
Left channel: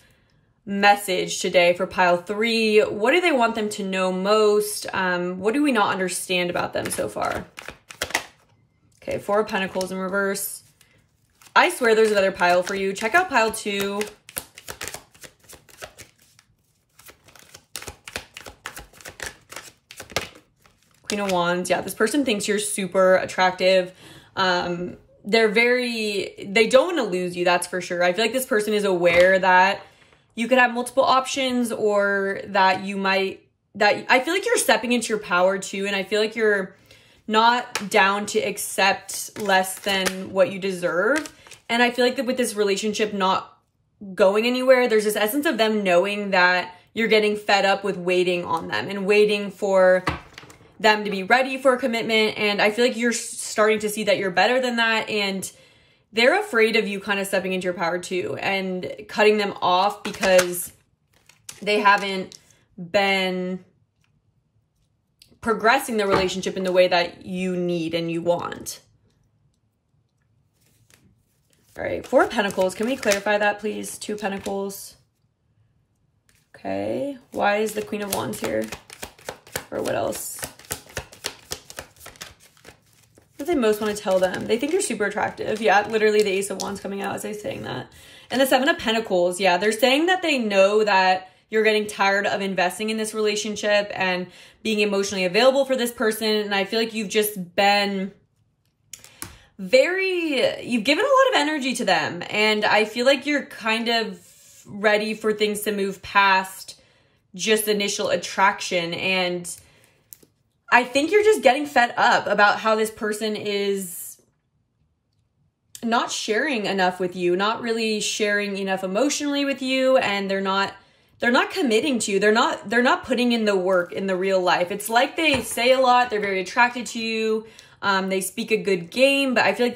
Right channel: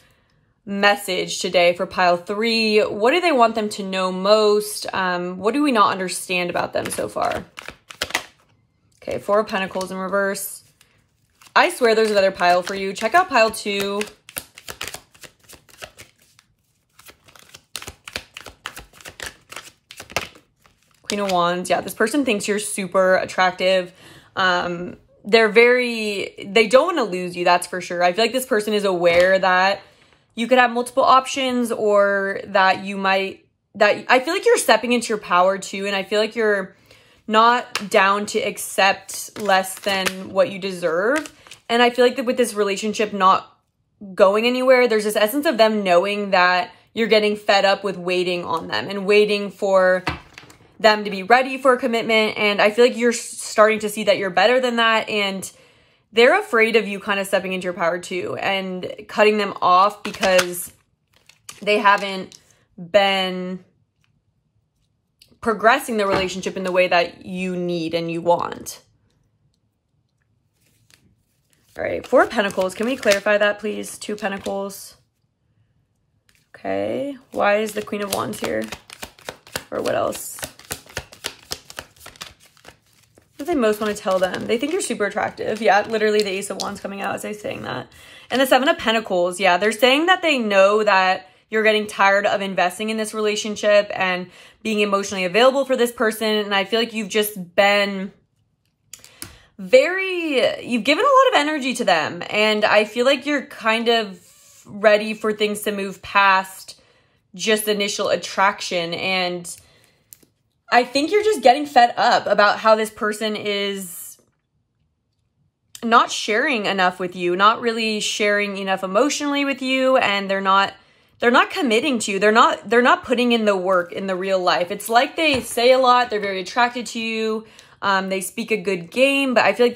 message today for pile 3? What do they want them to know most? What do we not understand about them so far? Okay, 4 of Pentacles in reverse. I swear there's another pile for you. Check out pile 2. Queen of Wands. Yeah, this person thinks you're super attractive. They don't want to lose you, that's for sure. I feel like this person is aware that you could have multiple options, or that I feel like you're stepping into your power too. And I feel like you're not down to accept less than what you deserve. And I feel like that with this relationship not going anywhere, there's this essence of them knowing that you're getting fed up with waiting on them and waiting for them to be ready for a commitment. And I feel like you're starting to see that you're better than that. And they're afraid of you kind of stepping into your power too and cutting them off because they haven't been progressing the relationship in the way that you need and you want. All right, 4 of Pentacles. Can we clarify that, please? 2 Pentacles. Okay. Why is the Queen of Wands here? Or what else? What do they most want to tell them? They think you're super attractive. Yeah, literally the Ace of Wands coming out as I'm saying that. And the 7 of Pentacles. Yeah, they're saying that they know that you're getting tired of investing in this relationship and being emotionally available for this person. And I feel like you've just been you've given a lot of energy to them. And I feel like you're kind of ready for things to move past just initial attraction. And I think you're just getting fed up about how this person is not sharing enough with you, not really sharing enough emotionally with you, and they're not committing to you. They're not putting in the work in the real life. It's like they say a lot, they're very attracted to you, they speak a good game, but I feel like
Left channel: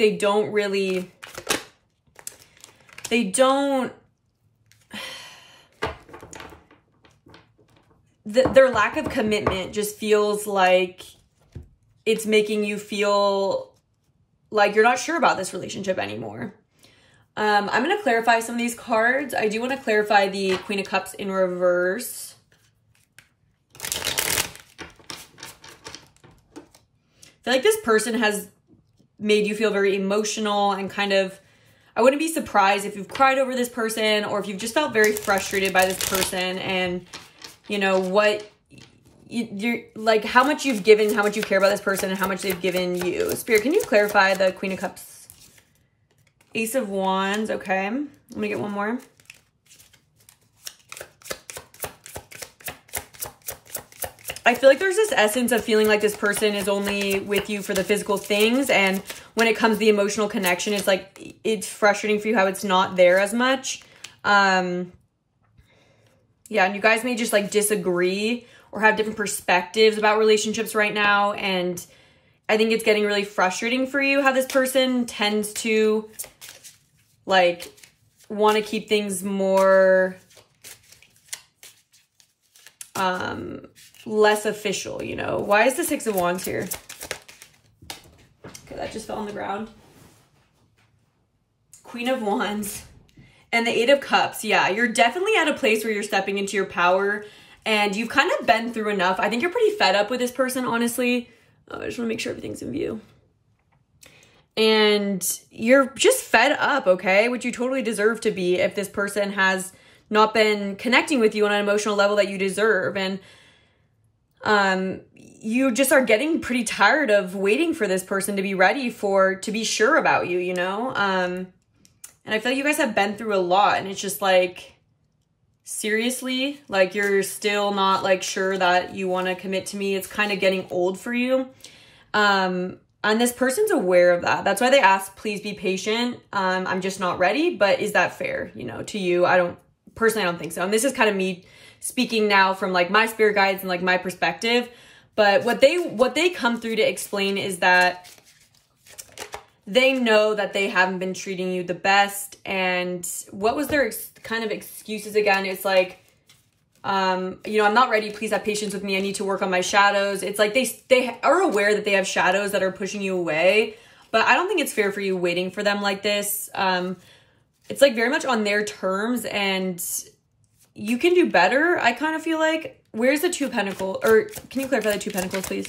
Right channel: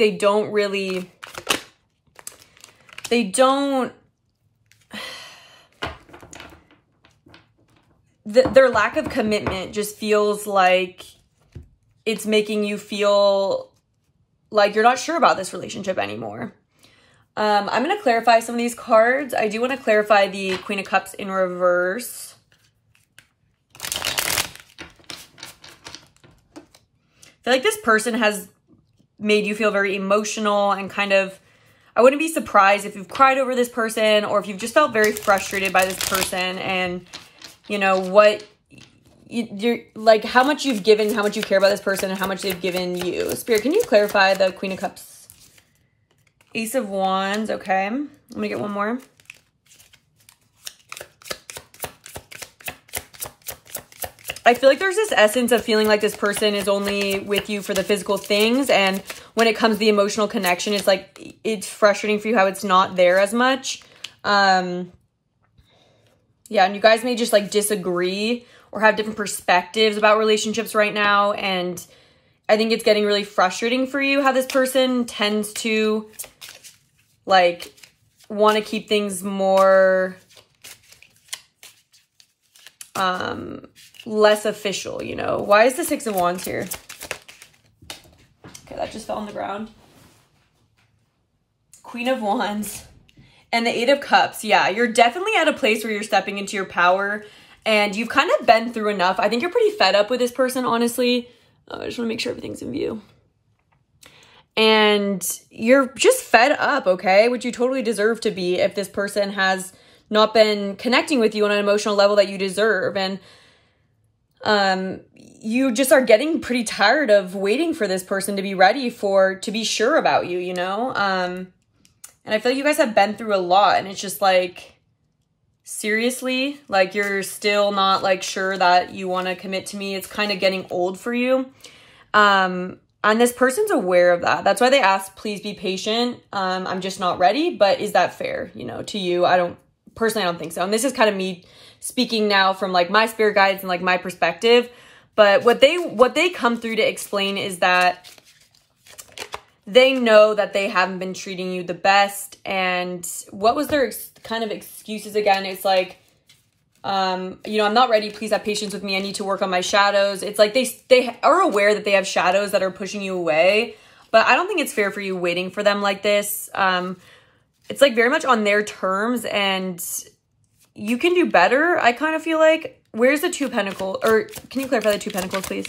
their lack of commitment just feels like it's making you feel like you're not sure about this relationship anymore. I'm going to clarify some of these cards. I do want to clarify the Queen of Cups in reverse. I feel like this person has made you feel very emotional and kind of, I wouldn't be surprised if you've cried over this person or if you've just felt very frustrated by this person and you know, you're like how much you've given, how much you care about this person, and how much they've given you. Spirit, can you clarify the Queen of Cups? Ace of Wands. Okay. I'm going to get one more. I feel like there's this essence of feeling like this person is only with you for the physical things. And when it comes to the emotional connection, it's like, it's frustrating for you how it's not there as much. Yeah, and you guys may just like disagree or have different perspectives about relationships right now. And I think it's getting really frustrating for you how this person tends to like want to keep things more less official, you know. Why is the 6 of Wands here? Okay, that just fell on the ground. Queen of Wands. And the 8 of Cups. Yeah, you're definitely at a place where you're stepping into your power and you've kind of been through enough. I think you're pretty fed up with this person, honestly. I just want to make sure everything's in view. And you're just fed up, okay? Which you totally deserve to be if this person has not been connecting with you on an emotional level that you deserve. And you just are getting pretty tired of waiting for this person to be ready to be sure about you, you know? And I feel like you guys have been through a lot and it's just like, seriously, like you're still not like sure that you want to commit to me. It's kind of getting old for you. And this person's aware of that. That's why they ask, please be patient. I'm just not ready. But is that fair, you know, to you? I don't think so. And this is kind of me speaking now from like my spirit guides and like my perspective. But what they come through to explain is that they know that they haven't been treating you the best. And what was their kind of excuses again? It's like, you know, I'm not ready. Please have patience with me. I need to work on my shadows. It's like they are aware that they have shadows that are pushing you away. But I don't think it's fair for you waiting for them like this. It's like very much on their terms, and you can do better. I kind of feel like, where's the Two of Pentacles? Or can you clarify the Two of Pentacles, please?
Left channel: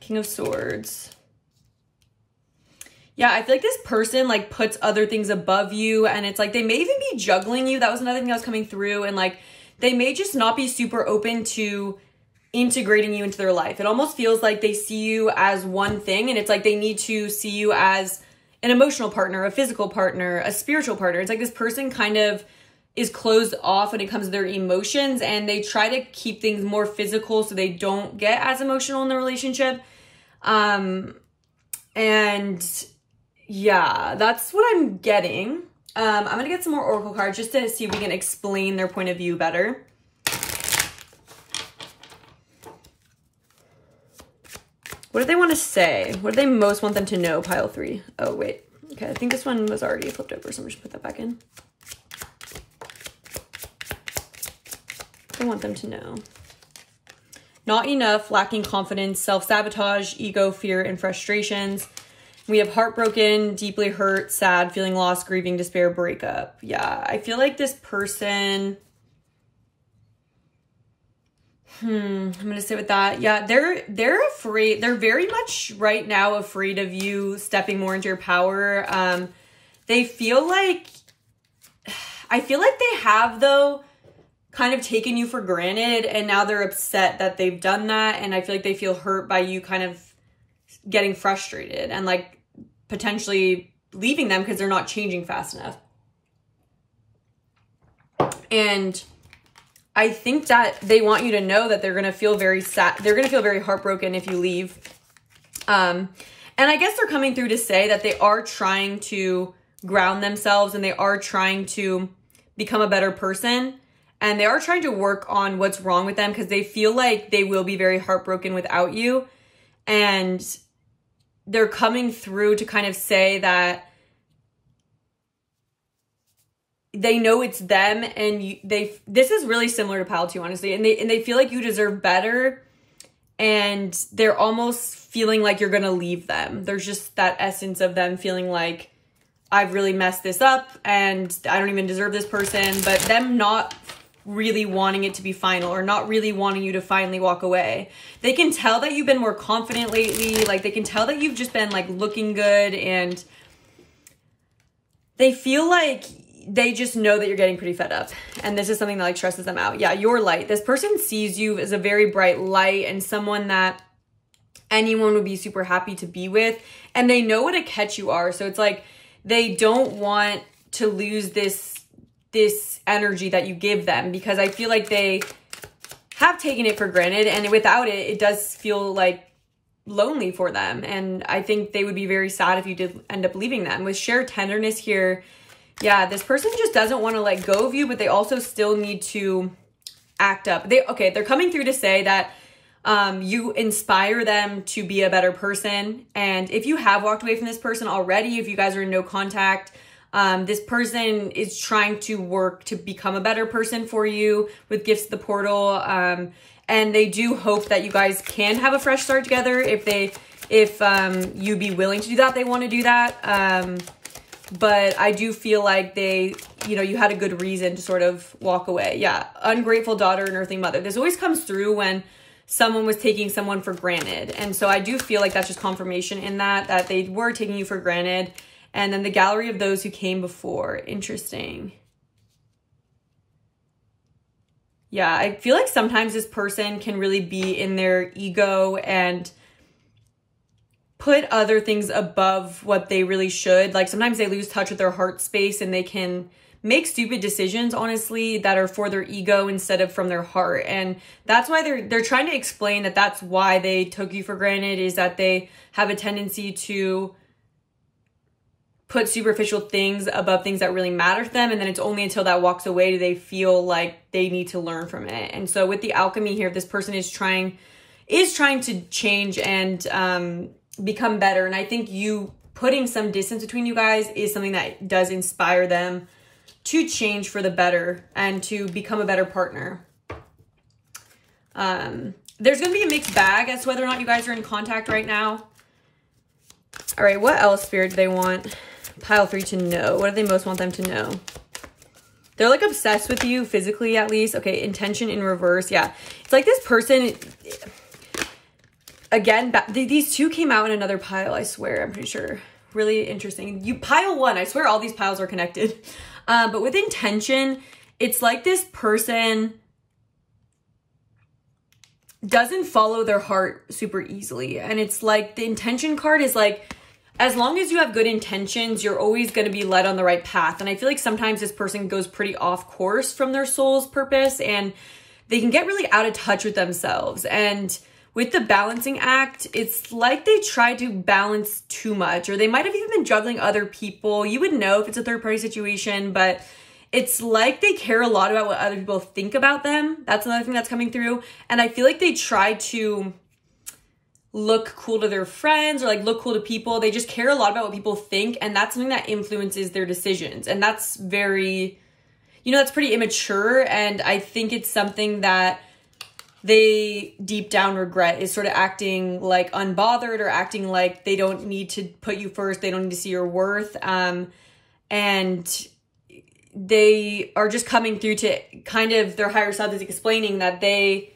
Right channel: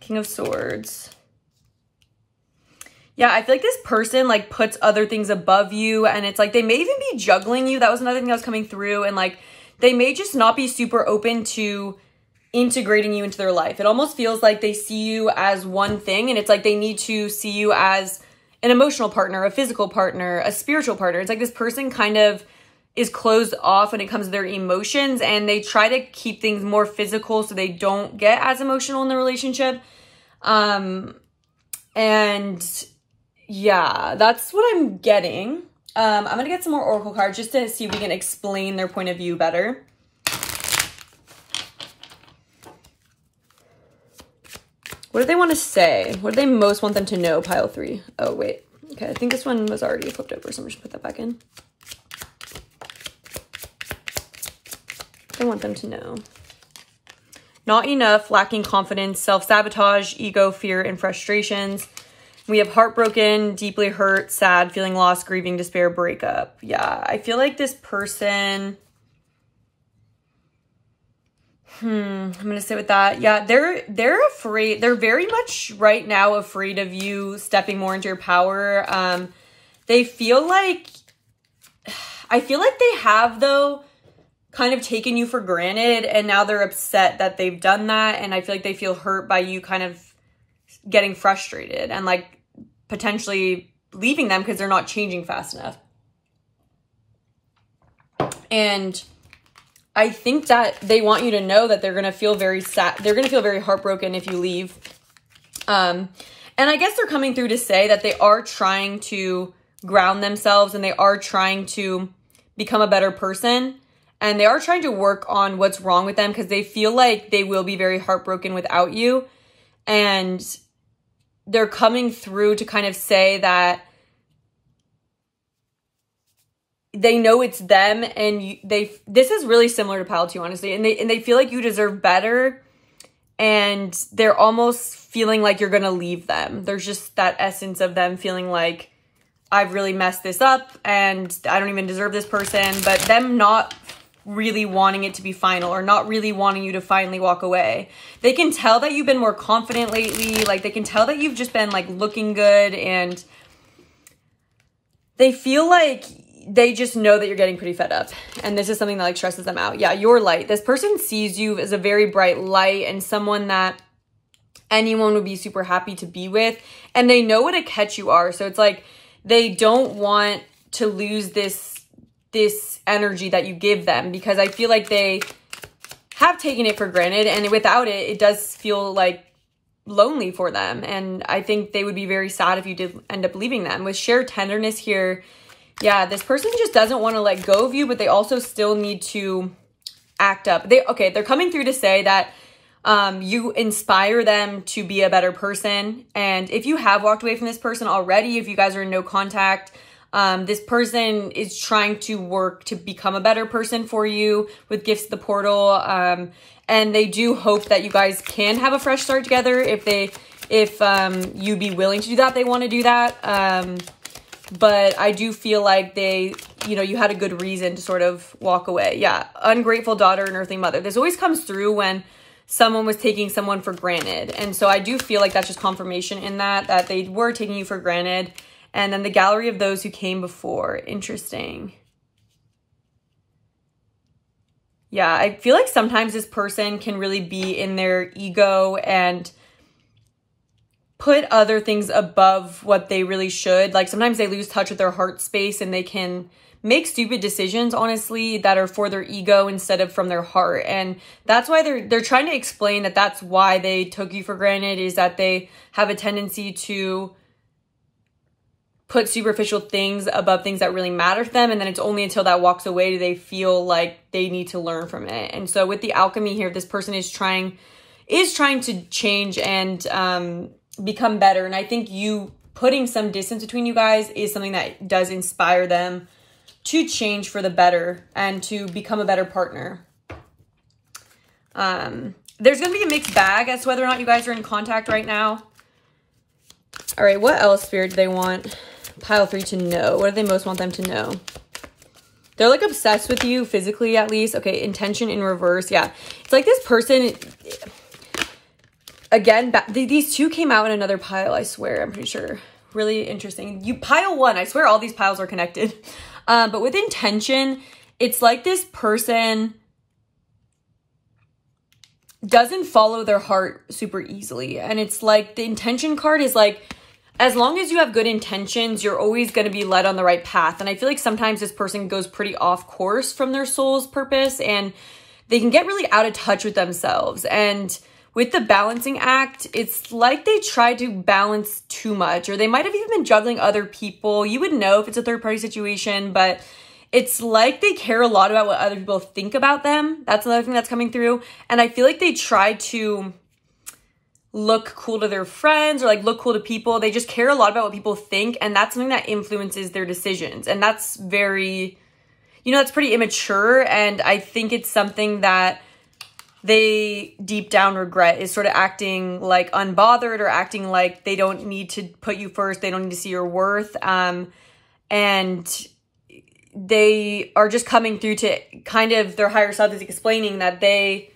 King of Swords. Yeah, I feel like this person like puts other things above you, and it's like they may even be juggling you. That was another thing that was coming through, and like they may just not be super open to integrating you into their life. It almost feels like they see you as one thing, and it's like they need to see you as an emotional partner, a physical partner, a spiritual partner. It's like this person kind of is closed off when it comes to their emotions, and they try to keep things more physical so they don't get as emotional in the relationship. And yeah, that's what I'm getting. I'm going to get some more oracle cards just to see if we can explain their point of view better. What do they want to say? What do they most want them to know, pile 3? Oh, wait. Okay, I think this one was already flipped over, so I'm just going to put that back in. I want them to know. Not enough, lacking confidence, self-sabotage, ego, fear, and frustrations. We have heartbroken, deeply hurt, sad, feeling lost, grieving, despair, breakup. Yeah, I feel like this person... I'm going to sit with that. Yeah, they're afraid. They're very much right now afraid of you stepping more into your power. They feel like... I feel like they have, though, kind of taken you for granted, and now they're upset that they've done that, and I feel like they feel hurt by you kind of getting frustrated and like potentially leaving them because they're not changing fast enough. And I think that they want you to know that they're going to feel very sad. They're going to feel very heartbroken if you leave. And I guess they're coming through to say that they are trying to ground themselves, and they are trying to become a better person. And they are trying to work on what's wrong with them because they feel like they will be very heartbroken without you. And they're coming through to kind of say that they know it's them, and this is really similar to pile 2, honestly. And they feel like you deserve better, and they're almost feeling like you're going to leave them. There's just that essence of them feeling like, I've really messed this up and I don't even deserve this person, but them not really wanting it to be final, or not really wanting you to finally walk away. They can tell that you've been more confident lately. Like they can tell that you've just been like looking good, and they feel like they just know that you're getting pretty fed up. And this is something that like stresses them out. Yeah, you're light. This person sees you as a very bright light and someone that anyone would be super happy to be with. And they know what a catch you are. So it's like they don't want to lose this energy that you give them, because I feel like they have taken it for granted, and without it, it does feel like lonely for them. And I think they would be very sad if you did end up leaving them. With shared tenderness here, yeah, this person just doesn't want to let go of you, but they also still need to act up. They're coming through to say that you inspire them to be a better person. And if you have walked away from this person already, if you guys are in no contact, this person is trying to work to become a better person for you with gifts to the portal. And they do hope that you guys can have a fresh start together. If you'd be willing to do that, they want to do that. But I do feel like you had a good reason to sort of walk away. Yeah. Ungrateful daughter and earthly mother. This always comes through when someone was taking someone for granted. And so I do feel like that's just confirmation in that they were taking you for granted. And then the gallery of those who came before. Interesting. Yeah, I feel like sometimes this person can really be in their ego, and put other things above what they really should. Like sometimes they lose touch with their heart space and they can make stupid decisions, honestly, that are for their ego instead of from their heart. And that's why they're trying to explain that that's why they took you for granted, is that they have a tendency to put superficial things above things that really matter to them. And then it's only until that walks away do they feel like they need to learn from it. And so with the alchemy here, this person is trying to change and become better. And I think you putting some distance between you guys is something that does inspire them to change for the better and to become a better partner. There's going to be a mixed bag as to whether or not you guys are in contact right now. All right, what else, Spirit, do they want pile 3 to know? What do they most want them to know? They're like obsessed with you physically, at least. Okay, intention in reverse. Yeah, it's like this person... Again, these two came out in another pile, I swear. I'm pretty sure. Really interesting. Pile 1, I swear all these piles are connected. But with intention, it's like this person doesn't follow their heart super easily. And it's like the intention card is like, as long as you have good intentions, you're always going to be led on the right path. And I feel like sometimes this person goes pretty off course from their soul's purpose and they can get really out of touch with themselves. And with the balancing act, it's like they try to balance too much, or they might have even been juggling other people. You would know if it's a third-party situation, but it's like they care a lot about what other people think about them. That's another thing that's coming through. And I feel like they try to look cool to their friends or like look cool to people. They just care a lot about what people think, and that's something that influences their decisions. And that's very, that's pretty immature, and I think it's something that they deep down regret, is sort of acting like unbothered or acting like they don't need to put you first. They don't need to see your worth. And they are just coming through to kind of their higher self is explaining that they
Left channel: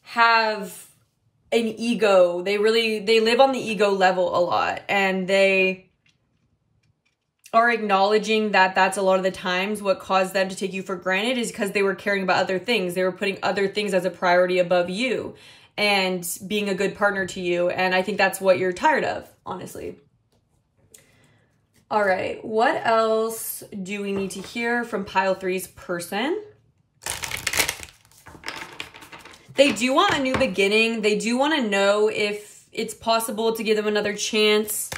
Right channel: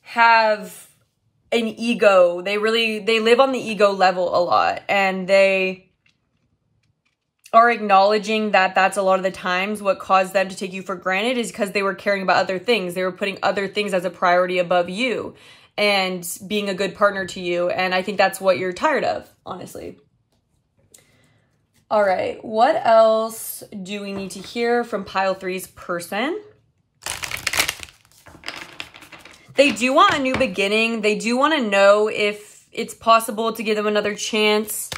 have an ego. They live on the ego level a lot, and they are acknowledging that that's a lot of the times what caused them to take you for granted is because they were caring about other things. They were putting other things as a priority above you and being a good partner to you. And I think that's what you're tired of, honestly. All right, what else do we need to hear from pile 3's person? They do want a new beginning. They do want to know if it's possible to give them another chance.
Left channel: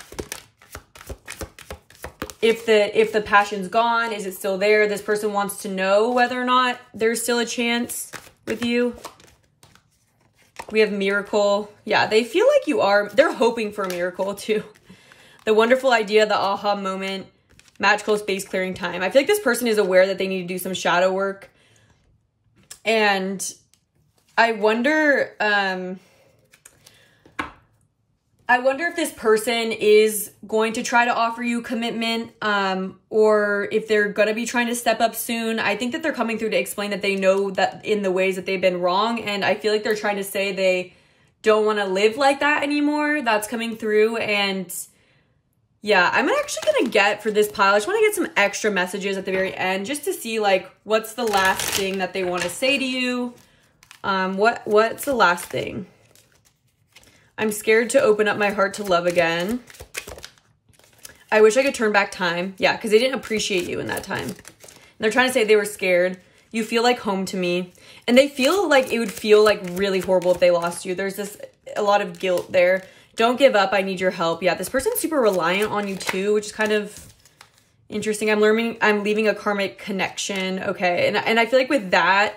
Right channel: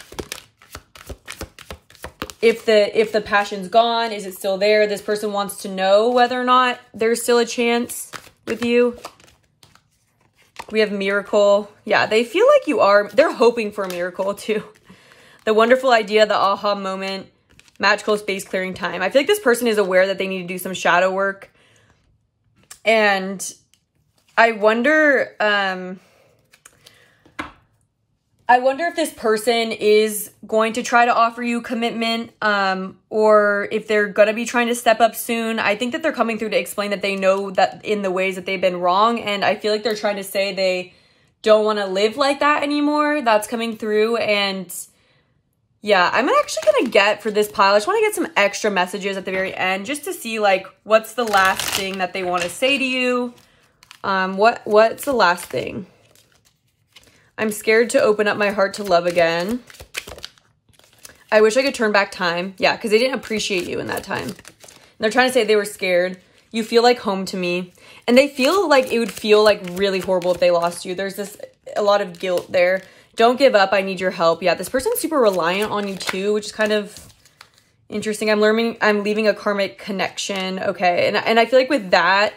If the passion's gone, is it still there? This person wants to know whether or not there's still a chance with you. We have miracle. Yeah, they feel like you are. They're hoping for a miracle too. The wonderful idea, the aha moment, magical space clearing time. I feel like this person is aware that they need to do some shadow work. And I wonder if this person is going to try to offer you commitment, or if they're going to be trying to step up soon. I think that they're coming through to explain that they know that in the ways that they've been wrong. And I feel like they're trying to say they don't want to live like that anymore. That's coming through. And yeah, I'm actually going to get for this pile, I just want to get some extra messages at the very end just to see like what's the last thing that they want to say to you. What's the last thing? I'm scared to open up my heart to love again. I wish I could turn back time. Yeah, because they didn't appreciate you in that time. And they're trying to say they were scared. You feel like home to me. And they feel like it would feel like really horrible if they lost you. There's a lot of guilt there. Don't give up. I need your help. Yeah, this person's super reliant on you too, which is kind of interesting. I'm leaving a karmic connection. Okay, and I feel like with that,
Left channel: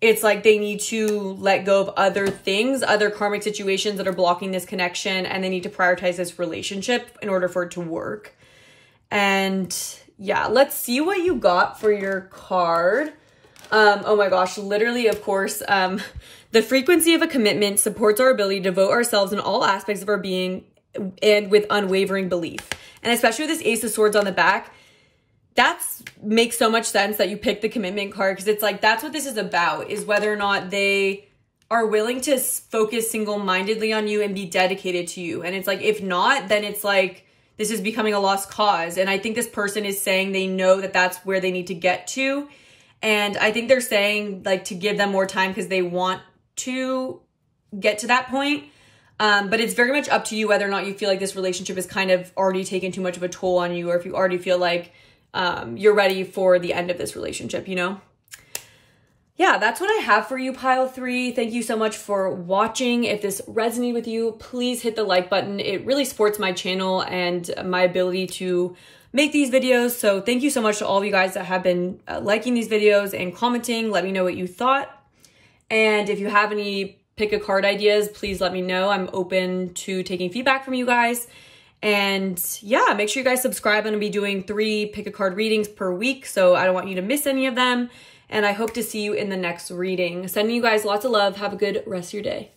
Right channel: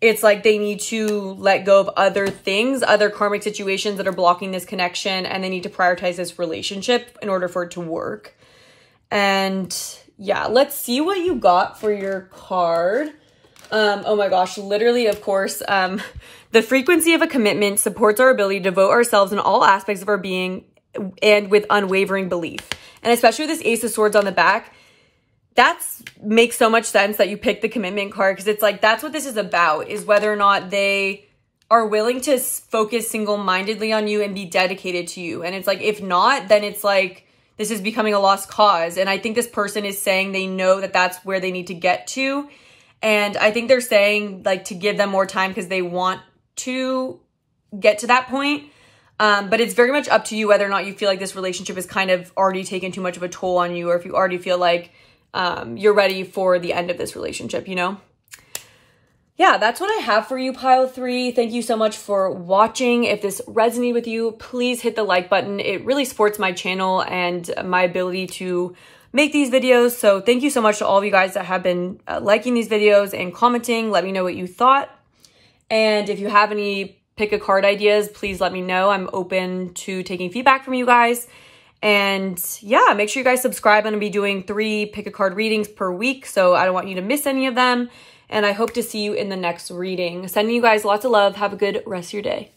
it's like they need to let go of other things, other karmic situations that are blocking this connection, and they need to prioritize this relationship in order for it to work. And yeah, let's see what you got for your card. Oh my gosh, literally, of course, the frequency of a commitment supports our ability to devote ourselves in all aspects of our being and with unwavering belief. And especially with this Ace of Swords on the back, that makes so much sense that you picked the commitment card, because it's like that's what this is about, is whether or not they are willing to focus single-mindedly on you and be dedicated to you. And it's like, if not, then it's like this is becoming a lost cause. And I think this person is saying they know that that's where they need to get to. And I think they're saying like to give them more time because they want to get to that point. But it's very much up to you whether or not you feel like this relationship is kind of already taken too much of a toll on you, or if you already feel like you're ready for the end of this relationship, you know? Yeah, that's what I have for you, pile 3. Thank you so much for watching. If this resonated with you, please hit the like button. It really supports my channel and my ability to make these videos. So thank you so much to all of you guys that have been liking these videos and commenting. Let me know what you thought. And if you have any pick a card ideas, please let me know. I'm open to taking feedback from you guys. And yeah, make sure you guys subscribe. I'm going to be doing 3 pick a card readings per week, so I don't want you to miss any of them. And I hope to see you in the next reading. Sending you guys lots of love. Have a good rest of your day.